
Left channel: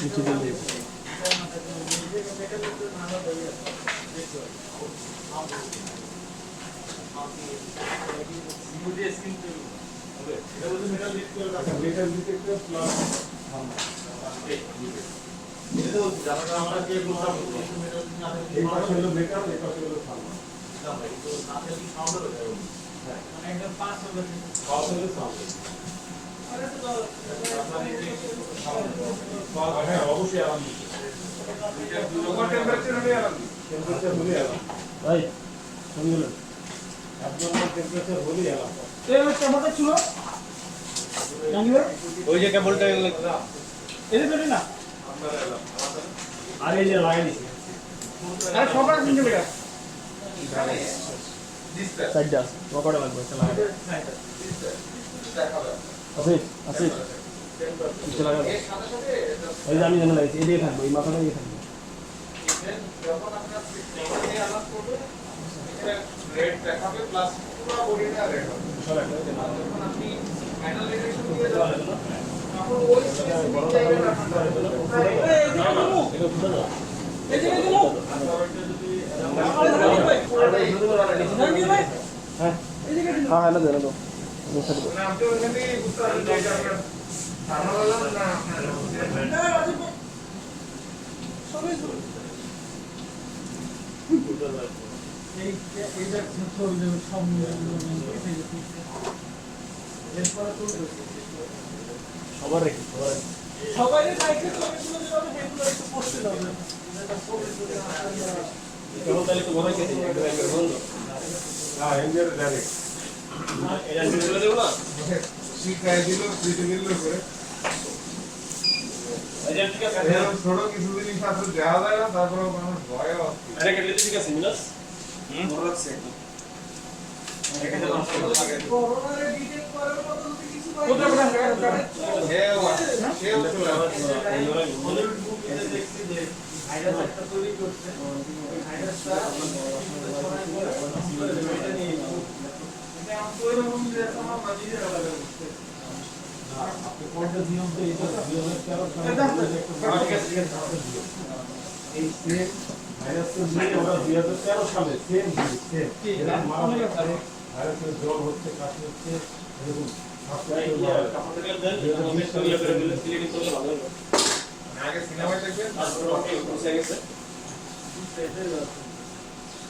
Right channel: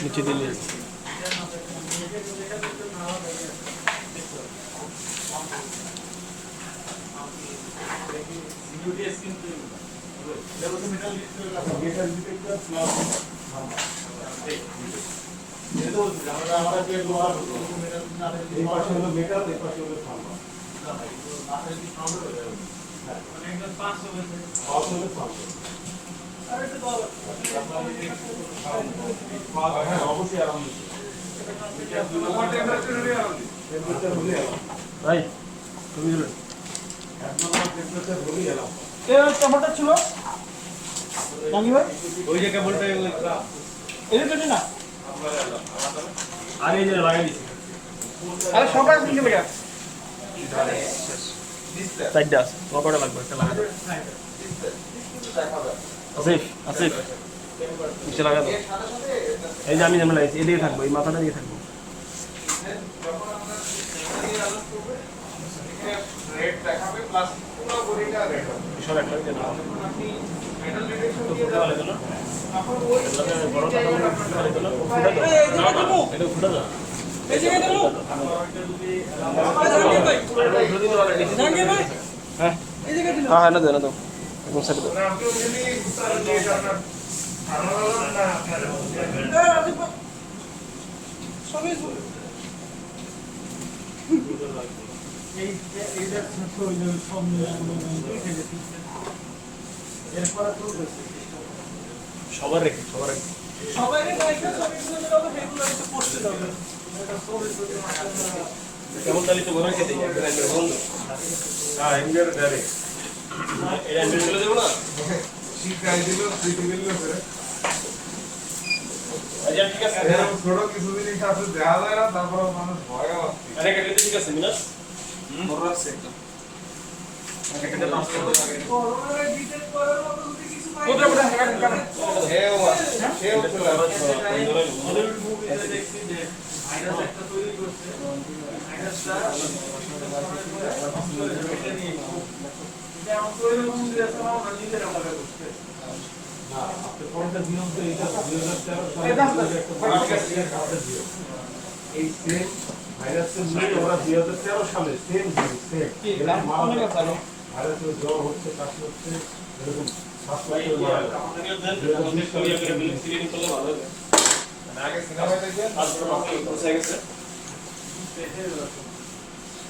নিচে দিলে মেটাল ডিটেক্টর প্লাস আমরা যে ব্যবহার করব এই পাশে হলো মেটাল এই পাশে হলো থার্মাল হ্যাঁ অবশ্যই আরাম ওভার টেম্পারেচার হলে আর টেম্পারেচার হলেই আরাম রাইট তুমি একদম টেম্পারেচার হলেই আরাম টমেটো ছিল নাকি ভাই ওই যে কেবলটা এটা তো না আরে এই যে লাগাই দিছি আরে সবাই মিলে গেছে সাইডটা পকড়া লাগবে একটা লাগাই আসিফ আসিফ নিচে লাগা দাও। এই যে আমি যেমন লাগাইছি এদিকে থাকবো এই মাথাটা দিকে থাকবো রেড দেখাবে প্লাস পুরো বডিটা রেড হবে সরে একটা যখন আপনি মেটাল ডিটেকশন দিয়ে যাবেন তখন ওই জায়গায় রাখতে হবে এটা ফুটা না এই জায়গায় দেবো জাঙ্গির ভাই হ্যাঁ এই জায়গায় দিন হ্যাঁ না দেন না সাইডে মানে আপনি ওখানে উত্তর দিয়ে আপনার থার্মাল না আপনার রাজীব ভাই সবই এই এইটা সেন্সর সামনে এরপরে তো সবার রেখে সবাই রেখে ছবিগুলো যেভাবে সেগুলো একটু পোস্ট করবে এটা ছবি যদি কেমন তাহলে তো ঘরে খেতে বন্ধ হ্যাঁ এমবিআর ডাইরেক্ট এটা চলে দেবো না শীত গায়ে দিল ফ্রিতে দিল করে আচ্ছা ঠিক আছে এরকম ছোট কিছু জিনিস আছে দেখা যায় না তারপর মানুষ ভয়ে পাচ্ছে এটা কেটে ঠিক আছে মিনাস মনে রাখছে একদম করোনারে ডিটেক্ট করার মতো যদি কিছু পাই হেও হেও চলে হলিউড মুভিতে দেখছি যে ভাইরাস একটা তৈরি করছে ভাইরাসটা এটা নিয়ে এটা আমার তৈরি হচ্ছে যে আমরা নিজেরা মনে করতে আপনি কোনটা নিয়ম তো এইটা 2013 সালে এই সেম ভাইরাসের নিয়ে ওরা 2013 সালে সেম সেম এরা মারা যাচ্ছে ভাইরাসের জ্বর হচ্ছে কাশি হচ্ছে এরকম স্বাস্থ্য মারা যাচ্ছে কাপড় থেকে দেন তোমাদের সরিয়ে করে বিল ক্লিয়ারিং করলে ভালো হবে আগে সিনেমায় দেখবেন তারপর ওকে বসে গেছে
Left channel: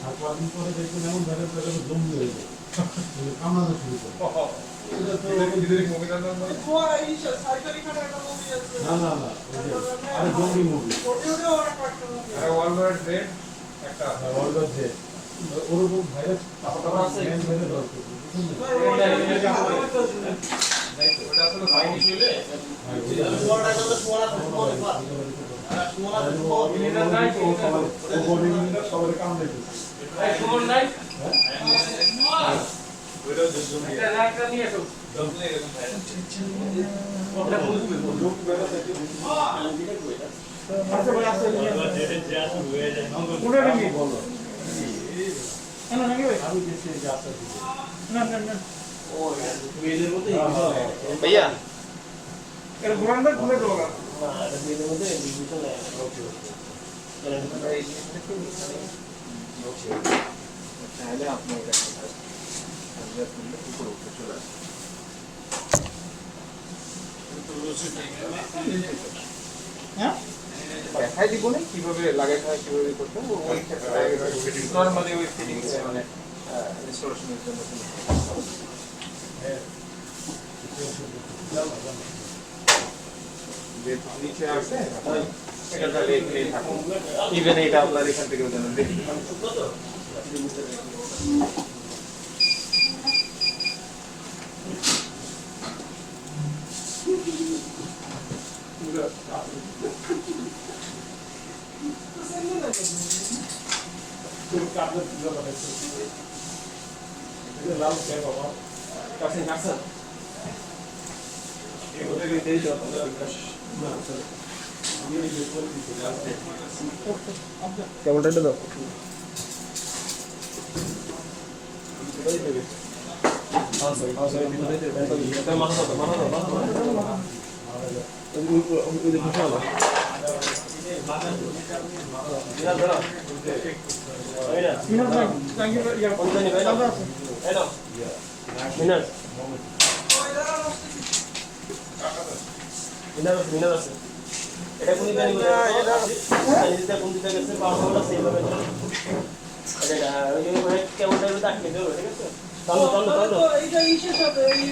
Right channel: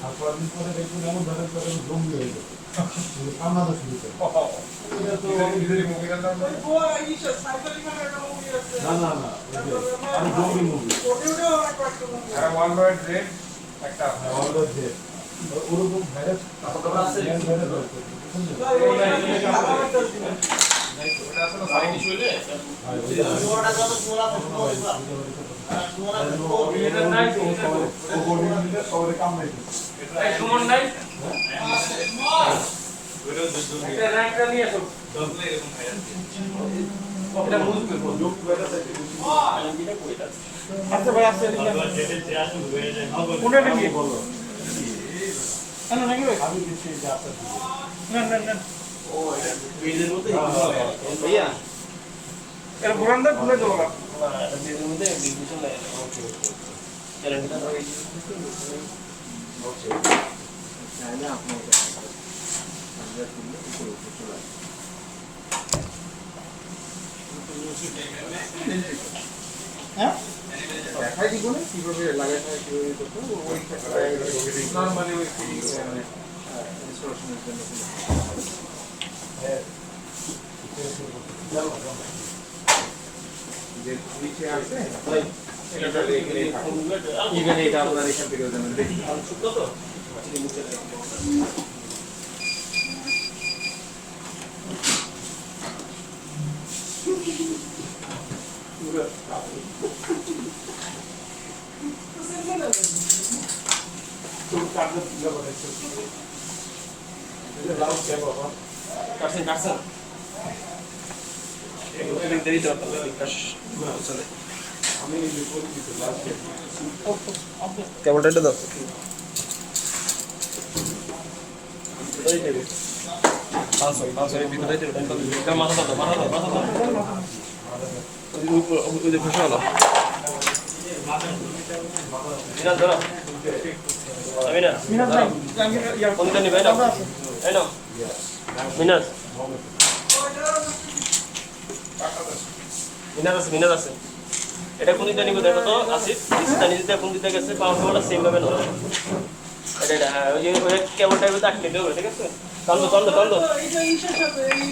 আর কদিন পরে দেখবেন এমন ভাইরাস জম্বি হয়ে যাবে কামড়ানো শুরু করে এটা তো নিজেরই মুভিটার নাম বলে গোয়া ইসা সাইফালি খানের একটা মুভি আছে না না না ওই যে আর জম্বি মুভি ওটিউডে অনেক একটা মুভি আর ওয়ার্ল্ড ওয়াইড রেড একটা আছে ওরকম যে ওরকম ভাইরাস ভাইরাস রয়েছে ওটা আসলে সাইনিশ হইলে সবাই কামড়াইছে সুমন নাই একটা র্যাঙ্কটা নিয়ে আসো এরকম এটা লোক ভাইরাস আচ্ছা ভাই আছে কোনটা নাকি বলো হ্যালো নাকি ভাই আমি কিছু যে আছে না না না ও পেজের মধ্যে ভাইয়া এর ঘোরান ঘুরে দেবো পেজের মধ্যে বিভূষণ ওকে চলে আমরা এই তাহলে আপনি এটা উপরে উঠে চলে আসবে হ্যাঁ দেখাই দিব না কিভাবে লাগাইতে হয় কিভাবে করতে হবে ওই ক্ষেত্রে নরমালি ওই ফিটিংস মানে রিস্টোরেশনের জন্য যে নিচে আছে এটা দেখলেই থাকুন ইভেন এটা আপনার এখান থেকে যেন দেখি লাউ কে বাবা কাটছেন এগুলো দেরি দরকার বিকাশ চলে আমি এই পরিচিত লাস্ট কেমনটা এটা দাও ওই দেবে ভিতরে দেবে মাথা দাও ওই যে বসে হলো মিনাস ধরো আমি না মিনাজ ভাই জাঙ্গির ইয়া কোনটা নিবে না এই নাও মিনাস মিনাস আছে এটা কোন দিকটা নিব দেখো তো আছে নিচে কোন দিকটা গেছে পাওয়ার সেম ভাবে না এটা ওই যে কেমন টাইপের আটকে দেবে ঠিক আছে টানো টানো টানো তো এইটা ইসের সাথে এই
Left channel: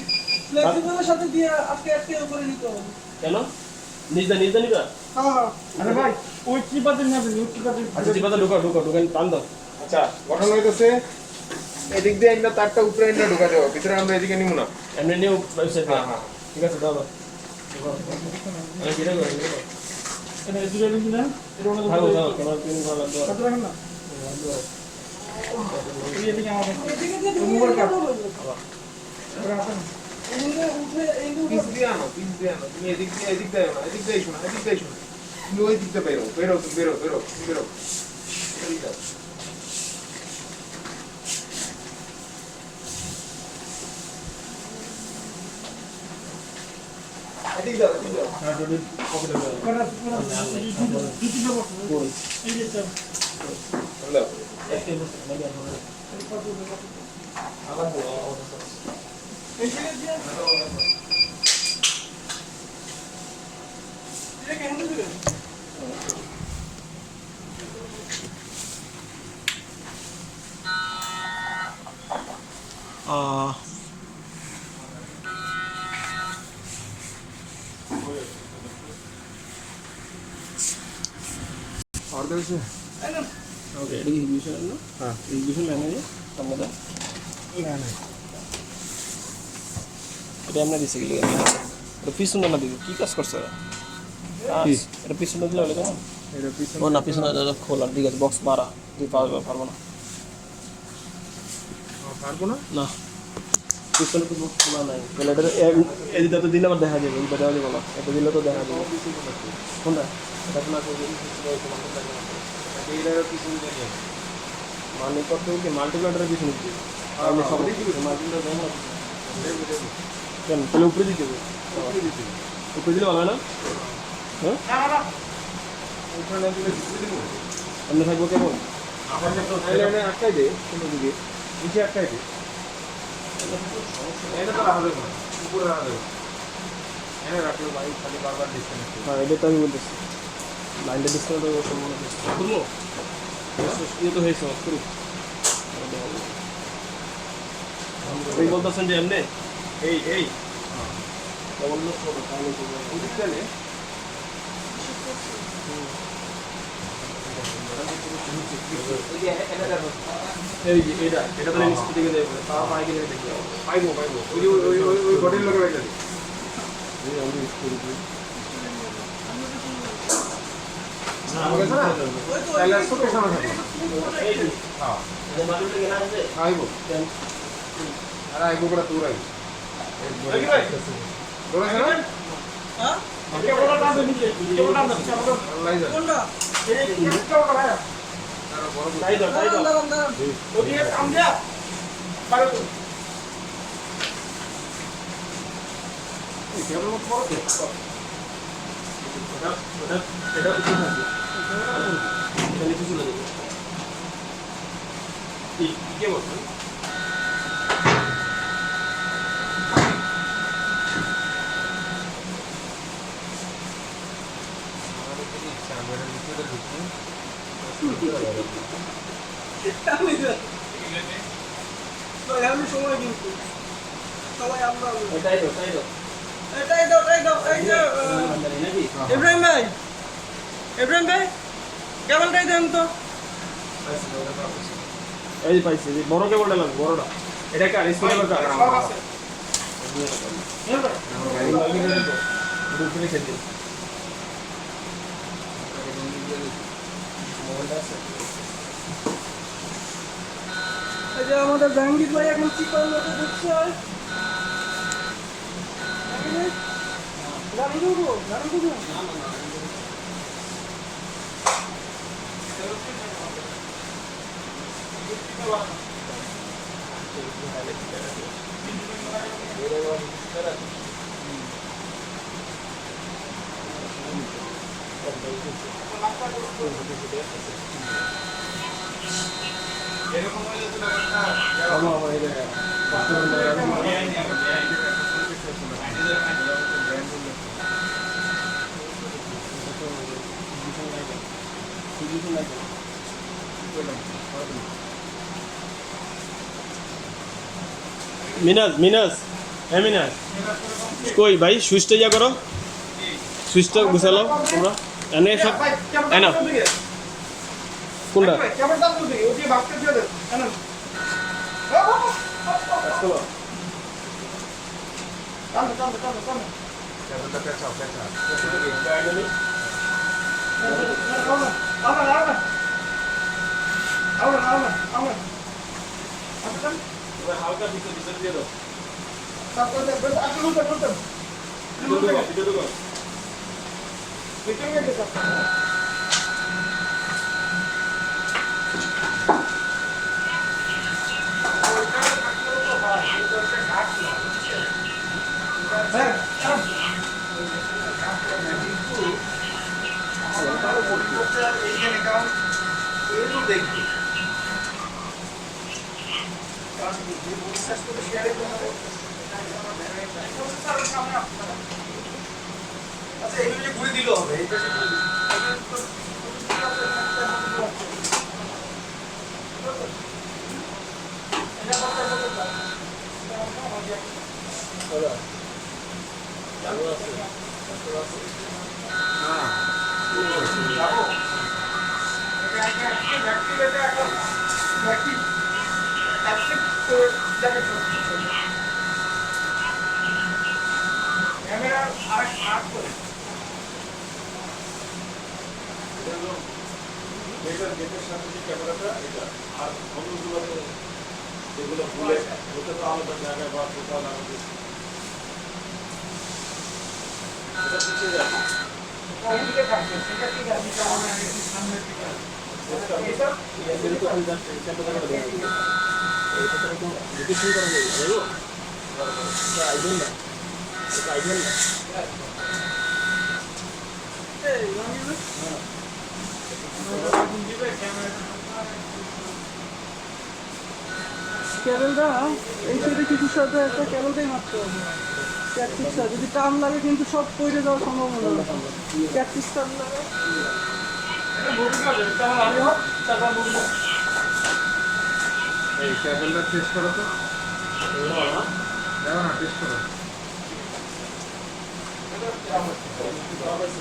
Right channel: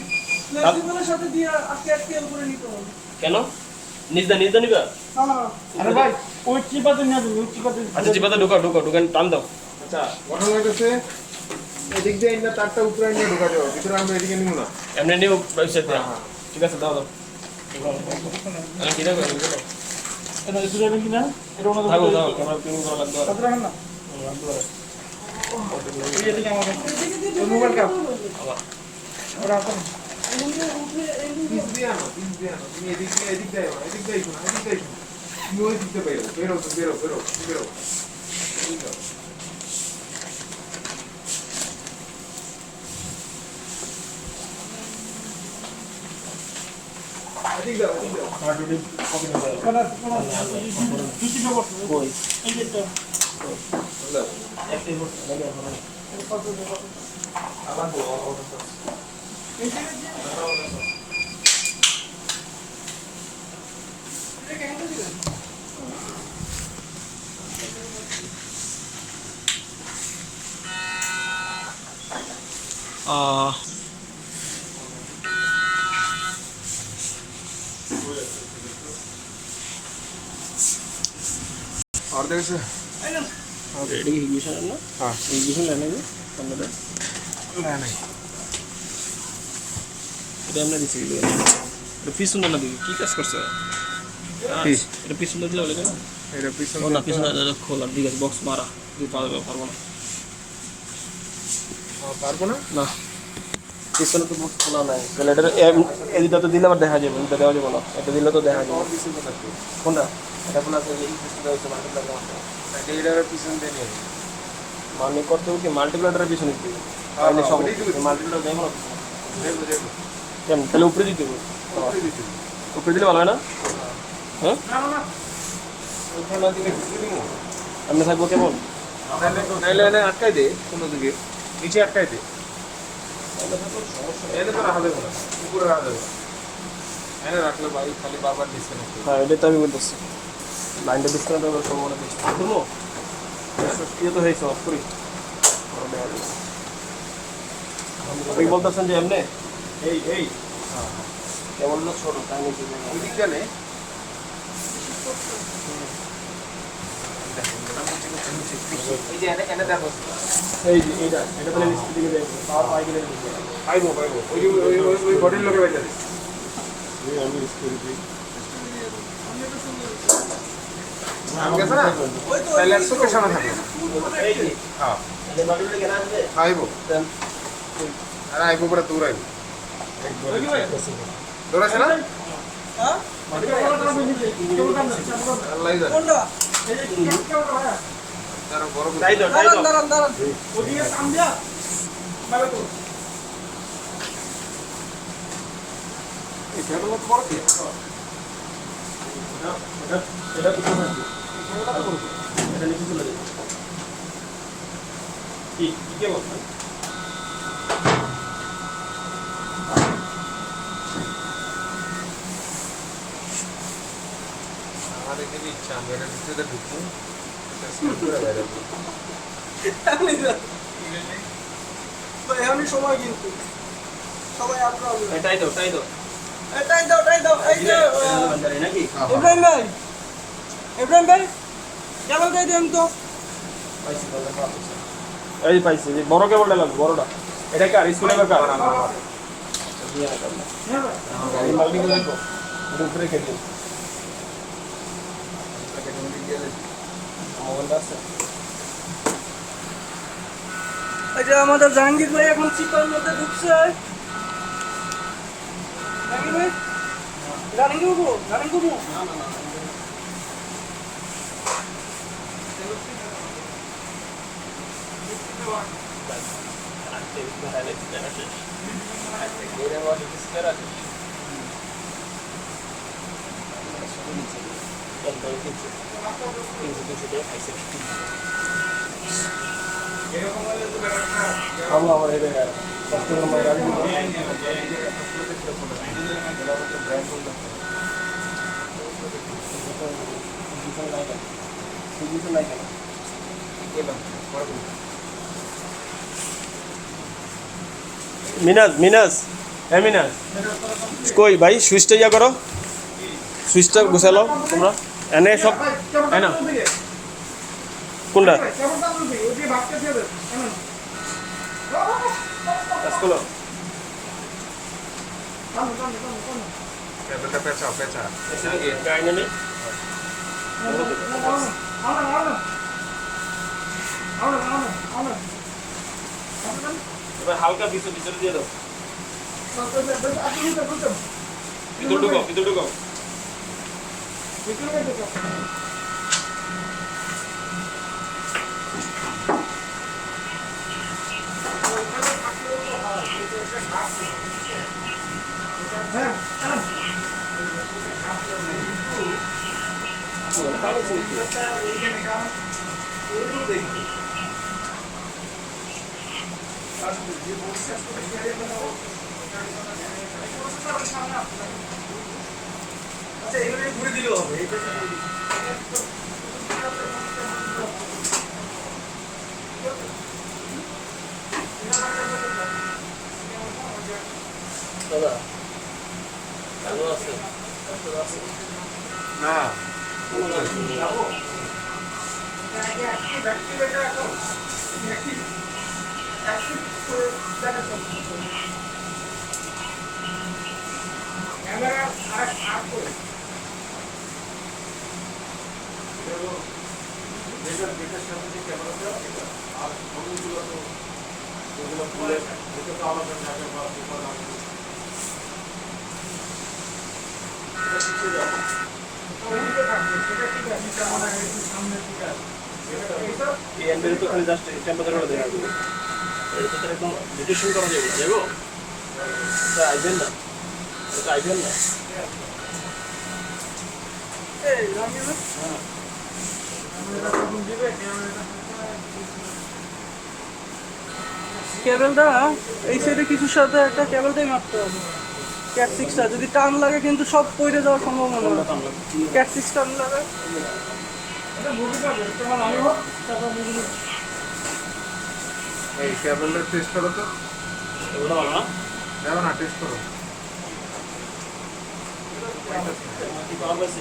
ফ্লেক্সিবলের সাথে দিয়ে আটকে উপরে নিতে হবে। কেন নিজদা নিবা হ্যাঁ আরে ভাই ওই চিপাতে নেবে ওই চিপাতে। আচ্ছা চিপাতে ঢুকান টান দাও আচ্ছা ঘটনা হইতেছে এদিক দিয়ে আমরা তারটা উপরে এনে ঢোকা যাবো, ভিতরে আমরা এদিকে নিব না। এমনি নিউ পয়সা হ্যাঁ হ্যাঁ ঠিক আছে দাও আমি কিনে করব এটা দুটো বেশি না এটা ওনা দাও ক্যামেরা প্লেন করা লাগবে কত রাখেন না এই এদিকে আমাদের এদিকে মোবাইল কাপ রাখুন পিস দিয়ে আনো তুমি এদিক দিয়ে আনো, এদিক দিয়ে শোনা তুমি ওই দিকটা বেরো এই দাও। এদিক দাও হ্যাঁ ডুডি কপি দাও কোনা দুই তিন নম্বর কই এই যে দাও একটা বস আবার দাও। এই যে এটা কেন দিলে और देख से রেডি ইগনিশন না हाँ ইগনিশন লাইনে যে সামনে দাও लेना এটা আমরা দিছি এটা পিছনে না দিই কি কাজ করছে কি? এটা পিছনে দিলে হলো কেন मेरा पीछे ও না পিছনে খোলা ঠিক আছে বক্স মারা তুই পারবো না पारबो ना না পিছনে তো বক্স খোলা নাই তাহলে এটা তো দিলে আবার দেখা যাবে এটা দেওয়া যাবে না এটা দিলে তো দেখা যাবে কোনটা এটা খোলা তো এই পিছনে হইছে না এটা पीछे दे नहीं মানে কত কি মাল্টিপ্লাটারের পিছনে দিই हाँ তাহলে সব हाँ देखो মাল্টিপ্লাটার দেখো देखो কেন তাহলে উপরে দিতে হবে देखो উপরে দিলে ভালো হয় না হ্যাঁ না না না उठा ना दिले दिले আপনি থাকবো কেমন নাইলে এনে আটকাই দে কোনো দিকে নিচে আটকাই দে এনে তো রাখা দেবো না উপরে রাখা দেবো এনে রাখলে বাড়ি খালি বারবার ডিসকানেক্ট হ্যাঁ এটা তো আমি বলতেছি মাইন্ডে ডিসকাউন্ট দেবো সব মনে করছি করবো ইয়ে তো হয়েছে অফ করি আপনি বলতেছেন যে এমনি এই কেবল না ছোট তাই নাকি ওদিক গেলে এই যে এনে যাবো এই যে এটা তো নিশ্চিত দিকে দেখবো তাও বাইকে দেখে দেখবো আইবো ওই যে ওই বডির লোকে বাইরে যাবে ঠিক আছে না ওই তো তাহলে একশো পয়সা না থাকে এই যে হ্যাঁ বাড়িতে কেন আসবে আইবো আর আইবো পরে দূর আইবো দূর আছে না হ্যাঁ কেবলটা কাজ হইছে কেবলটা না আল্লাহ জানে কোনটা এই কেবলটা ভাই তারা বড় তাই তো দাঁড়ান ওদিকে কাম দিয়া বাইরে তো এখানে বড় দেখো এটা কিছু না এটা লিখে চলে দেবো কে বলছো আমাদের যদি ইচ্ছা আমরা ভিতরে ঢুকবো ভাই আমি সময় কিন্তু সবাই আপনারা এটাই তো এটাই দাও এই যে নাকি ইব্রাহিম ভাই কেবলটাই দেন তো এই পাইছি যে বড় কেবলটা লাগবে বড়টা এটা কার স্পিকার কার এই যে আমাদের জাহাঙ্গীর ভাই এখন চিপার মধ্যে ঢুকছে নাকি ভাই গাড়ি করবো এরকম হলে তো ব্যাপারটা আমার এটা মিনাজ মিনাজ হ্যাঁ মিনাজ কই ভাই সুইচটা ইয়া করো সুইচটা গুছালো তোমরা এনে সব এনা কোনটা কেমন দাম বলবি ওটি ভাবতে দিয়ে দে কেন কাম ক্যামেরাটা পেঁচাও পেঁচা এবার হালকা ভিতরে দিয়ে দাও ভিতরে ঢুকো আচ্ছা এগুলো ঘুরে দিলেও হবে এইটা না ক্যামেরা আট করে গেটের সামনে যে ক্যামেরাটা এটা আর অন্যগুলো তো এগুলো খুলে ওটা তো আলাদা জায়গা বা কোথাও লাগাতে এটা পিছিয়ে যাবে ওইদিকে থাকবে সেটা ঠিক আছে কেমন একটু সামনে ঠিক আছে এই এমবির তো খালি জাস্ট ক্যামেরা ধরে দিলাম এর ভিতরে কোন ভিডিও শুরু করা যাবে দেখো এটা আইবেন না এটা আইবেন না এই রঙিন আমরা এখন দিবে ক্যামেরাটা কেবলটা এই সাইডে কিছুর সাথে একটা কেবলটাই মারতে হবে ক্যাট সিক্সটা যদি টান লাগে কিন্তু সব পড়ে যাওয়ার সম্ভাবনা আছে ক্যাট সিক্স টান লাগে এটা মুভি করে তেমন আমি হোক তারপর মুভি এই কেবলটা টেস্ট করো তো ওটা না না না টেস্ট করো কি পাওয়া যাচ্ছে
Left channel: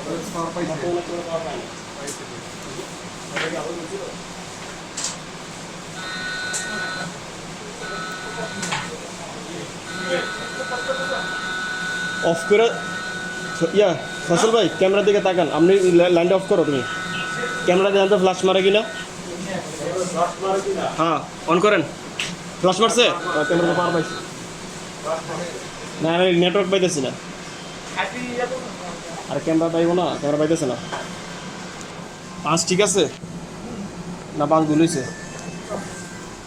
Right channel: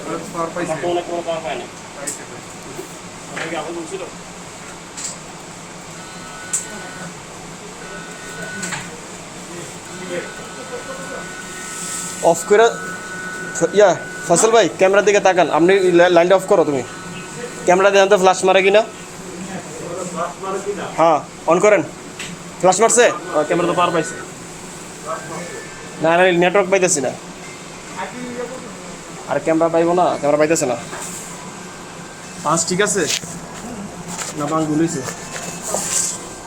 ওরা পাওয়ার পাইছে তো অনেক কোনো পাওয়া পায় না পাইছে এটা কি আপনি বলছিল অফ করে ইয়া ফসল ভাই ক্যামেরার দিকে তাকান আপনি লাইনটা অফ করো তুমি ক্যামেরা দেখেন তো ফ্ল্যাশ মারে কিনা হ্যাঁ অন করেন ফ্ল্যাশ মারছে ক্যামেরা তো পাওয়ার পাইছে না না নেটওয়ার্ক পাইতেছি না আর ক্যামেরা পাইবো না ক্যামেরা পাইতেছে না পাঁচ ঠিক আছে না পাঁচ ভুল হয়েছে